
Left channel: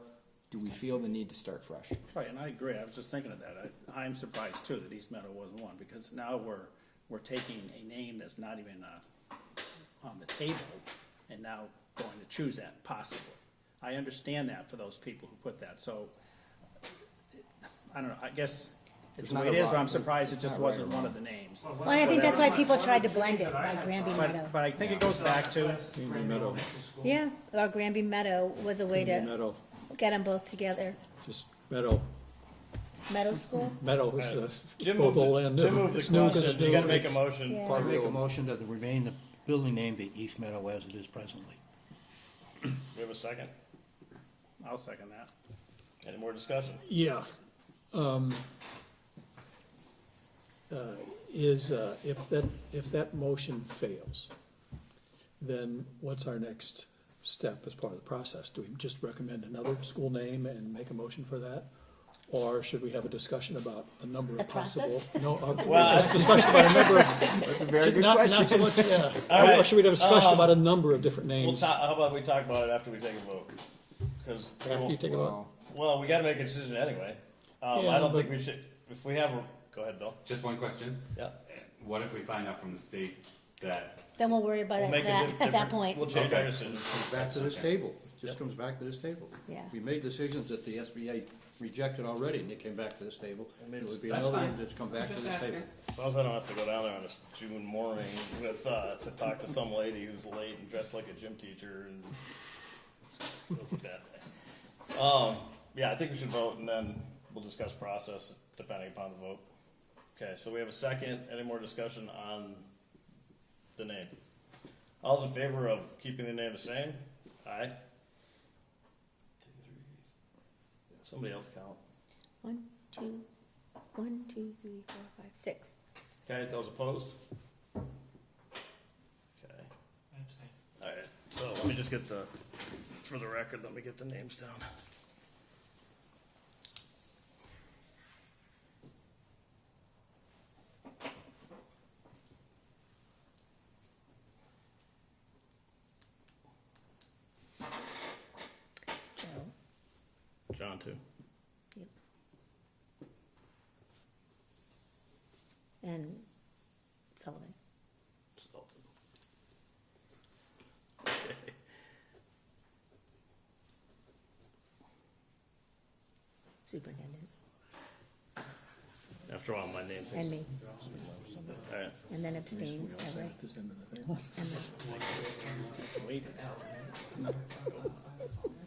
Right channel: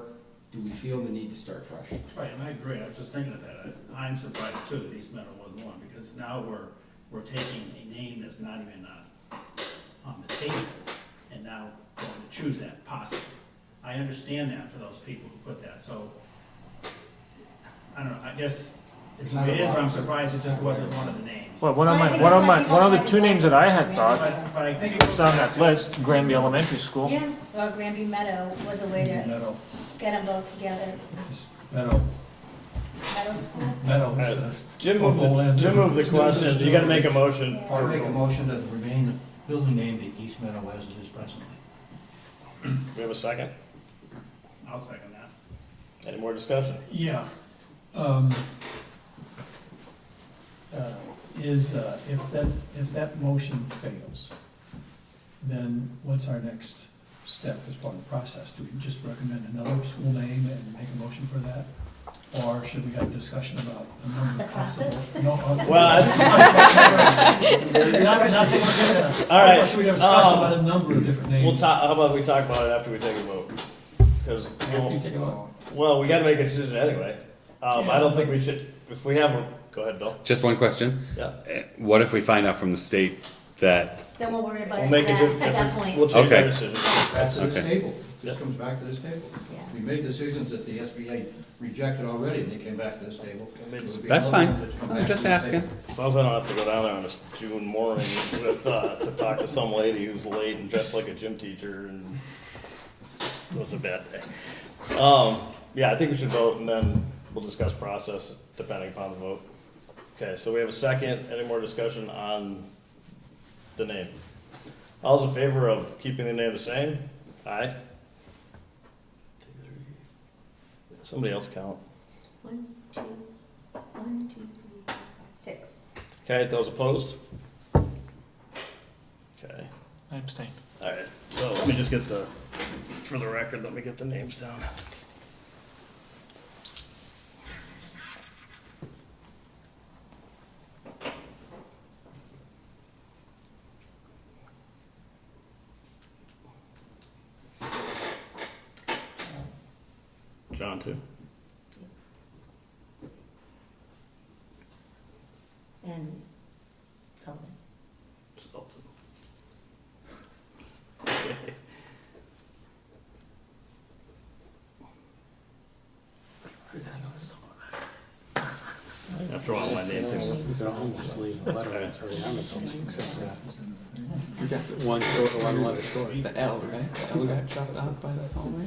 do we feel the need to start fresh? Right, and I agree, I was just thinking of that, I'm surprised too that East Meadow wasn't one, because now we're taking a name that's not even on the table, and now going to choose that possibly. I understand that for those people who put that, so, I don't know, I guess it's the way it is, or I'm surprised it just wasn't one of the names. Well, Well, I think that's why people one of tried the to two blame names that I had Granby thought Meadow. But I think it goes was on back that to. list, Granby Elementary School. Yeah, or Granby Meadow was a way to Meadow, get them both together. just Meadow, Meadow School? Meadow is a. Jim moved the question, you gotta make a motion. Yeah. I make a motion that remain the building name be East Meadow as it is presently. We have a second? I'll second that. Any more discussion? Yeah. If that motion fails, then what's our next step as part of the process? Do we just recommend another school name and make a motion for that? Or should we have a discussion about a number The of possible? process? No, Well, All right, Or should we have a discussion about a number of different names? We'll talk, how about we talk about it after we take a vote? Cause, After you take a vote? well, we gotta make a decision anyway. I Yeah, don't think we should, if we have, go ahead, Bill. Just one question. Yeah. What if we find out from the state that, Then we'll worry about We'll it make a at different, that point. we'll change our Okay. decision. Back to this Okay. table, just comes back to this table. Yeah. We made decisions that the SBA rejected already, and they came back to this table. It would be that's another fine, one that's come I'm back just to the asking. table. As long as I don't have to go down there on a June morning with, to talk to some lady who's late and dressed like a gym teacher, and it was a bad day. Yeah, I think we should vote, and then we'll discuss process depending upon the vote. Okay, so we have a second, any more discussion on the name? All's in favor of keeping the name the same? Aye? Somebody else count. 1, 2, 1, 2, 3, 4, 5, 6. Okay, those opposed? Okay, I abstain. alright, so let me just get for the record, let me get the names down. John too? And Sullivan. Stolten. After all, my name too. You could almost leave a letter that's already on it, except for that. You got one short, one letter short. The L, right? The L got chopped off by the hallway.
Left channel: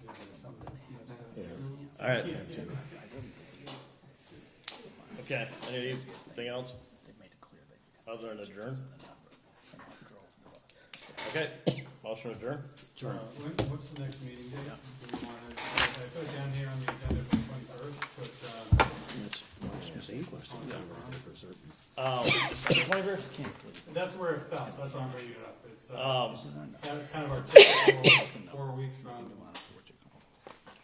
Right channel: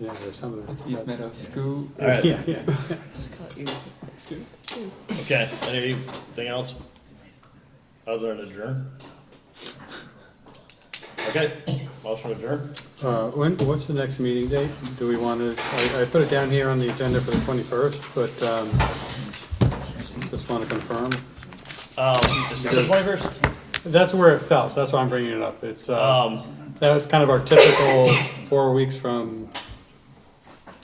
Yeah, there's some of It's them. East Meadow School. Alright, Yeah, yeah. okay, anything else? Other than adjourn? Okay, motion adjourn? What's the next meeting date? Do we want to, I put it down here on the agenda for the 21st, but just want to confirm. December 21st? That's where it fell, so that's why I'm bringing it up. It's, that's kind of our typical 4 weeks from,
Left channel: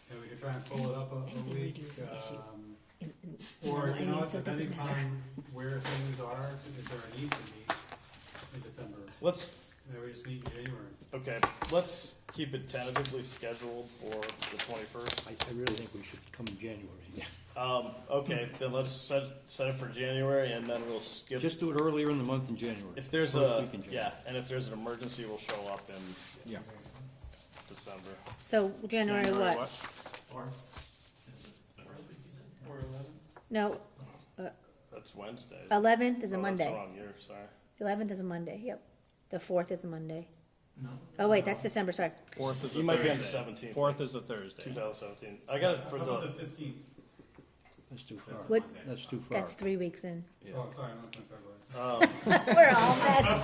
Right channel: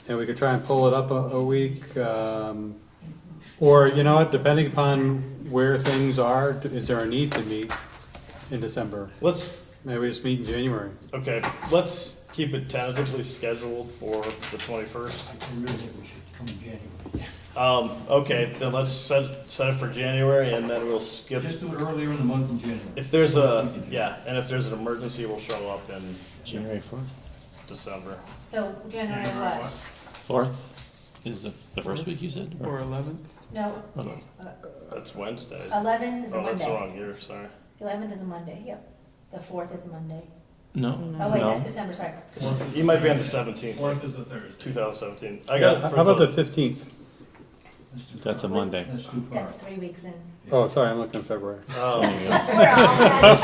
and we could try and pull it up a week. Or, you know what, depending upon where things are, is there a need to meet in December? Let's, Maybe we just meet in January. okay, let's keep it tentatively scheduled for the 21st. I really think we should come in January. Okay, then let's set it for January, and then we'll skip. Just do it earlier in the month in January. If there's and if there's an emergency, we'll show up in January 4th? December. So January what? 4th is the first week you said? Or 11th? No, Oh, no. That's Wednesday. 11th is a Oh, that's the Monday. wrong year, sorry. 11th is a Monday, yep. The 4th is a Monday. No? Oh, wait, No. that's December, sorry. You might be on the 17th, Fourth is a Thursday. 2017. I got it How for about the the, 15th? Let's do That's a Friday. Monday. Let's do That's Friday. 3 weeks in. Oh, sorry, I'm looking at February. oh, We're all guys.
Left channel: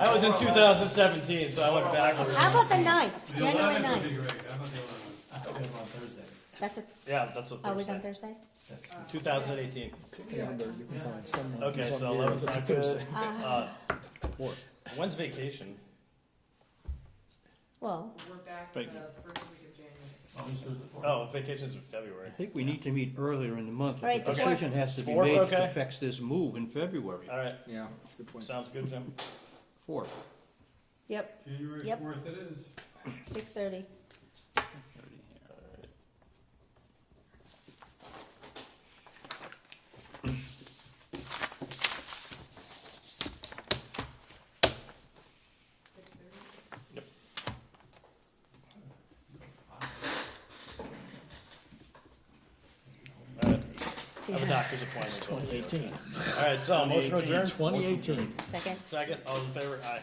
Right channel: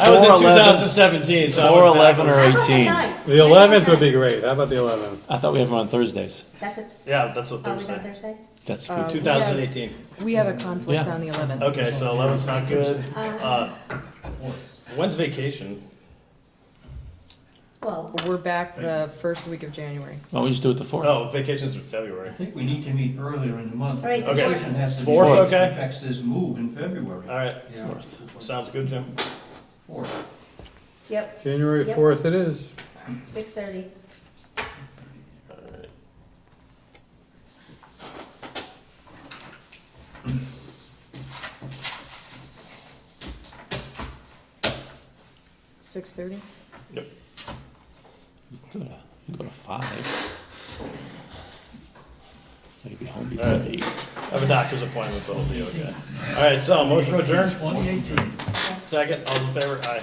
I was in 4/11. 2017, so I went 4/11 or backwards. How about the 18. ninth? The 11th would be great. How about the 11th? I thought we have them on Thursdays. That's a, Yeah, that's a always on Thursday. Thursday? That's Uh, true. 2018. We have a conflict Yeah. on the 11th. Okay, so 11's not good. Uh, When's vacation? Well, We're back the first week of January. Why don't we just do it the 4th? Oh, vacation's in I February. think we need to meet earlier in the month. Right, The okay. decision has to be Fourth, made okay. that affects this move in February. All right, Yeah. sounds good, Jim. Fourth. yep, January Yep. 4th it is. 6:30. All right. 6:30? Go to 5. So you'd be home All before right. 8. I have a doctor's appointment, so it'll be okay. All right, so motion to adjourn. 2018. Second, all in favor? Aye.